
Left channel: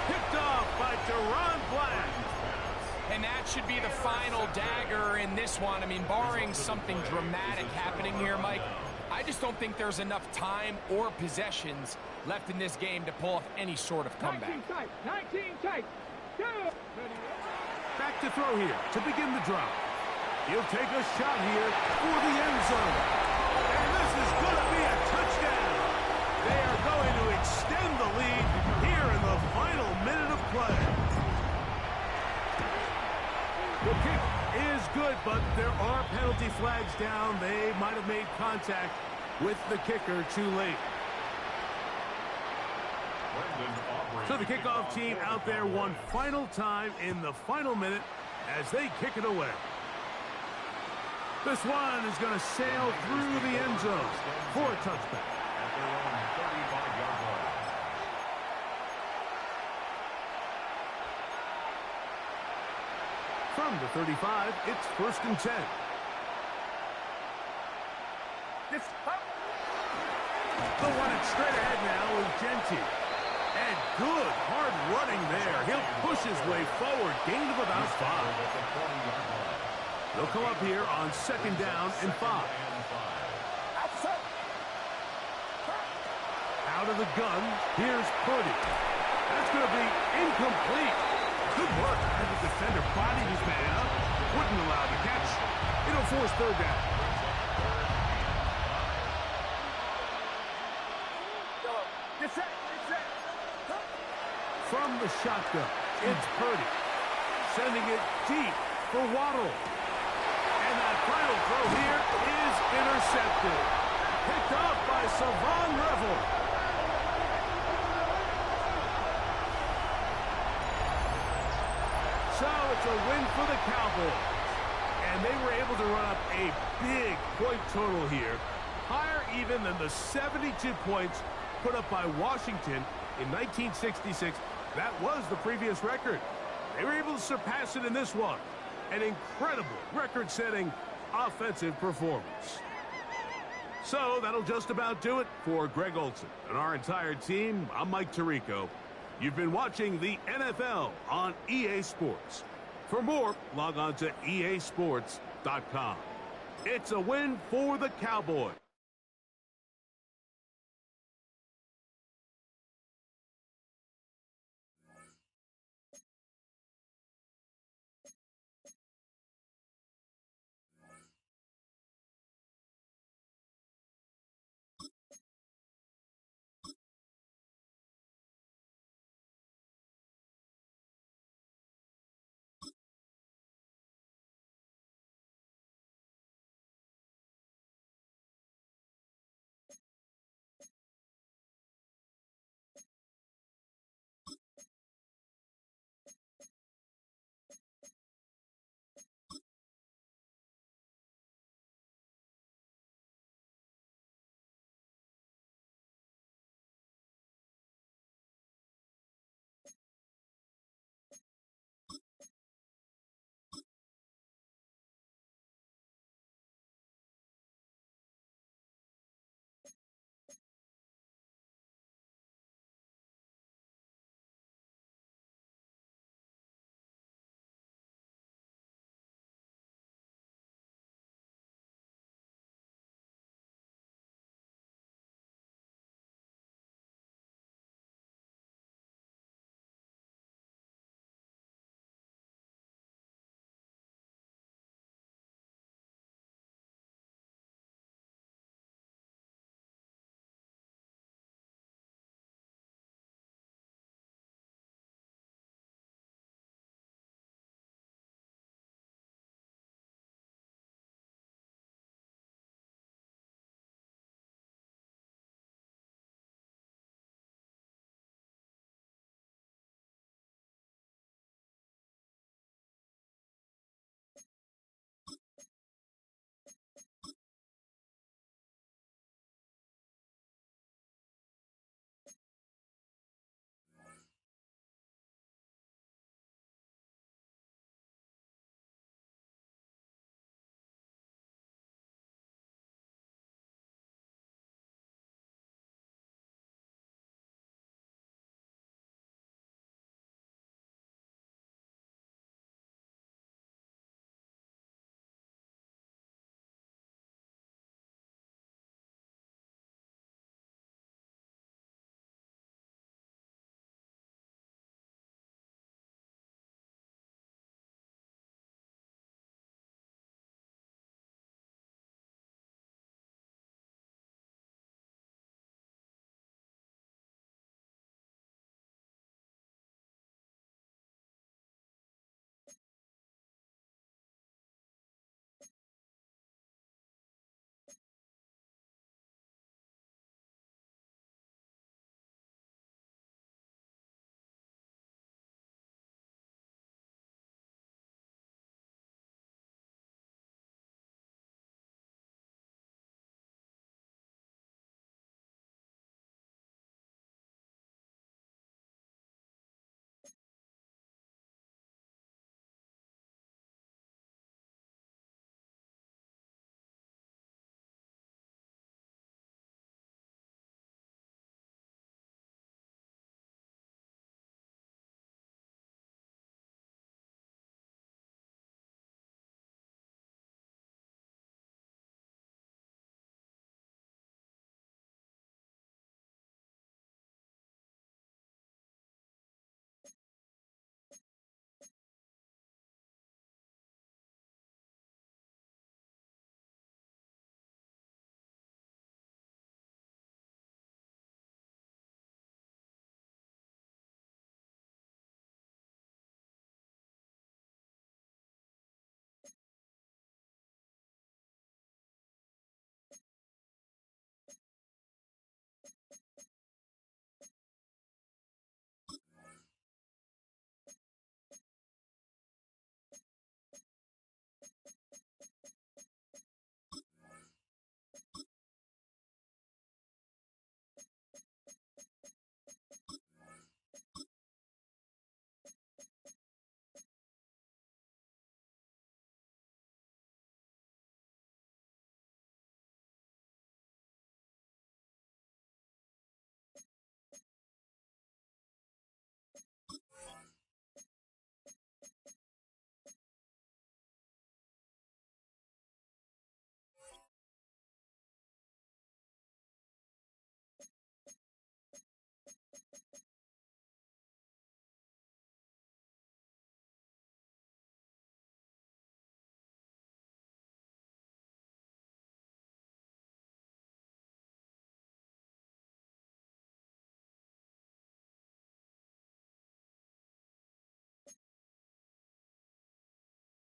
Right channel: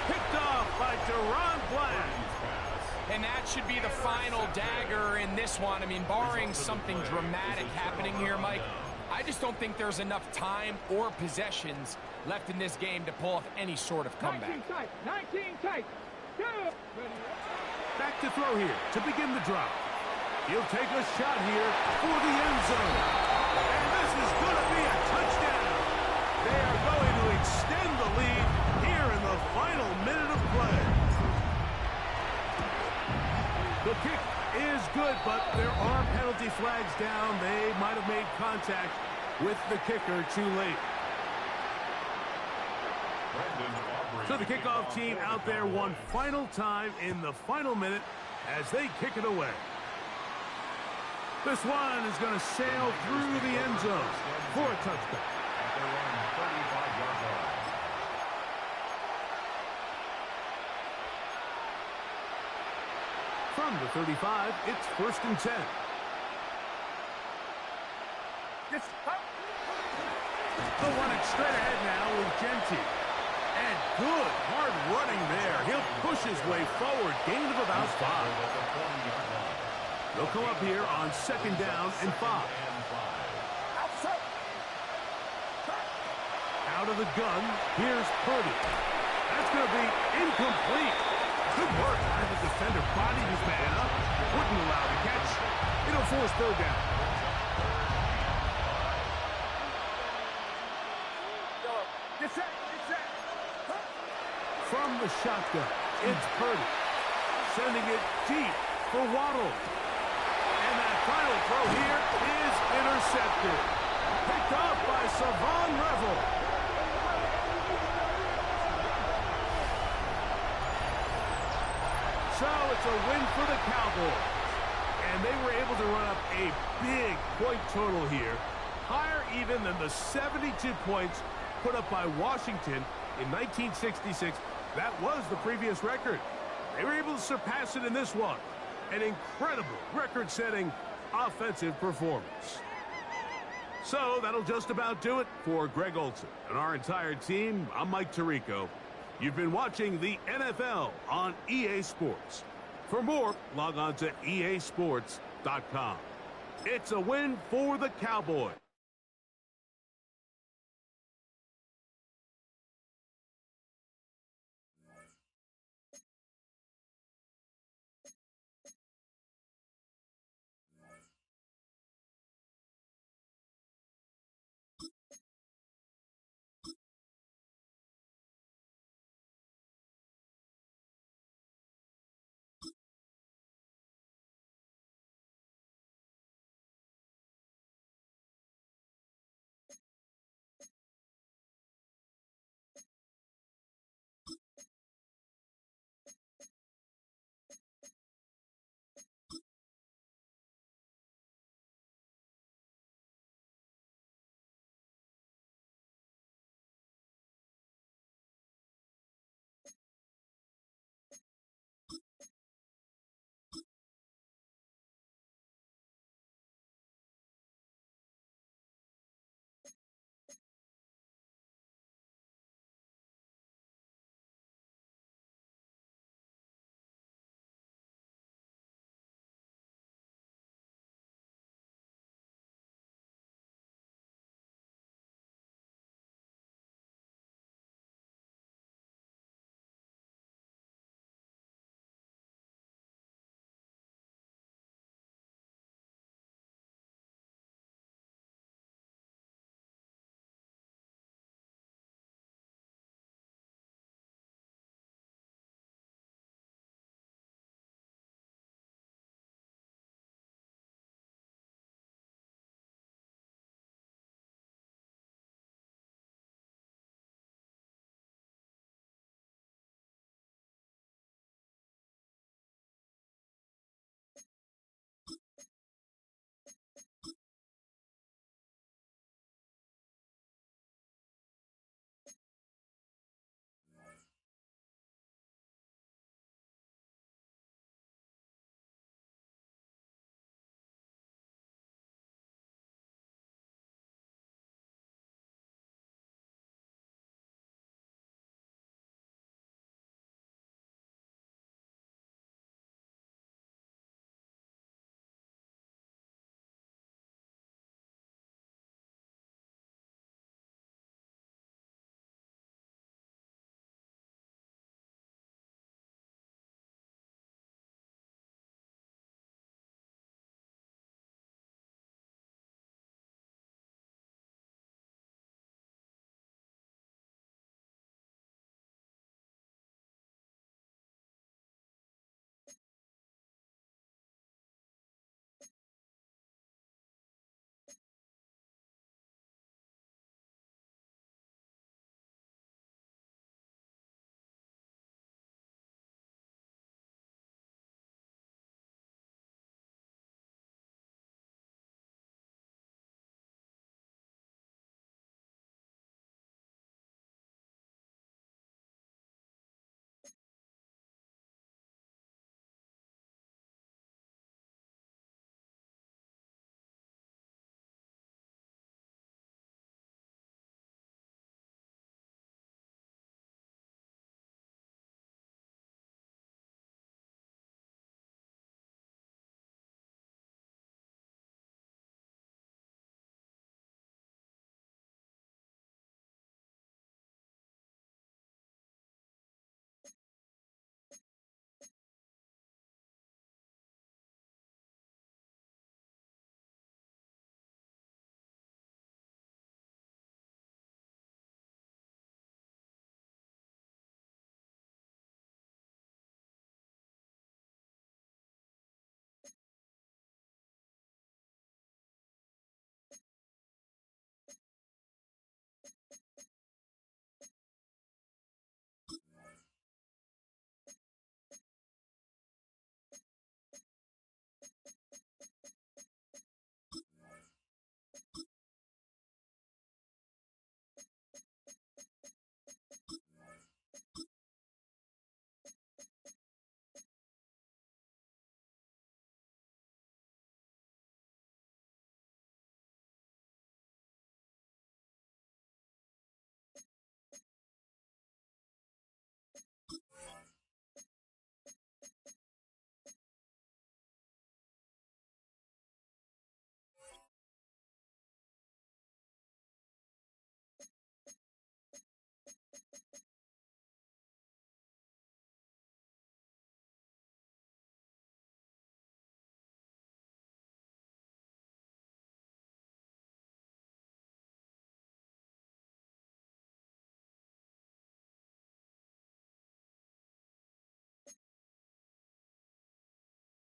Picked off by Deron Bland. And that should be the final dagger in this one. I mean, barring something dramatic happening here, Mike, I just don't think there's enough time or possessions left in this game to pull off any sort of comeback. 19 tight. Go. Back to throw here to begin the drive. He'll take a shot here for the end zone. And this is going to be a touchdown. They are going to extend the lead here in the final minute of play. The kick is good, but there are penalty flags down. They might have made contact with the kicker too late. So the kickoff team out there one final time in the final minute as they kick it away. This one is going to sail through the end zone for a touchback. At their own 35-yard line. From the 35, it's 1st and 10. They'll run it straight ahead now with Genty. And good hard running there. He'll push his way forward. Gain of about 5. At the 40-yard line. They'll come up here on 2nd down and 5. Out of the gun, here's Purdy. That's going to be incomplete. Good work by the defender. Bodied his man up. Wouldn't allow the catch. It'll force 3rd down. From the shotgun, it's Purdy. Sending it deep for Waddle. And that final throw here is intercepted. Picked off by Savon Revel. So it's a win for the Cowboys. And they were able to run up a big point total here. Higher even than the 72 points put up by Washington in 1966. That was the previous record. They were able to surpass it in this one. An incredible record-setting offensive performance. So that'll just about do it for Greg Olson and our entire team. I'm Mike Tirico. You've been watching the NFL on EA Sports. For more, log on to easports.com. It's a win for the Cowboys.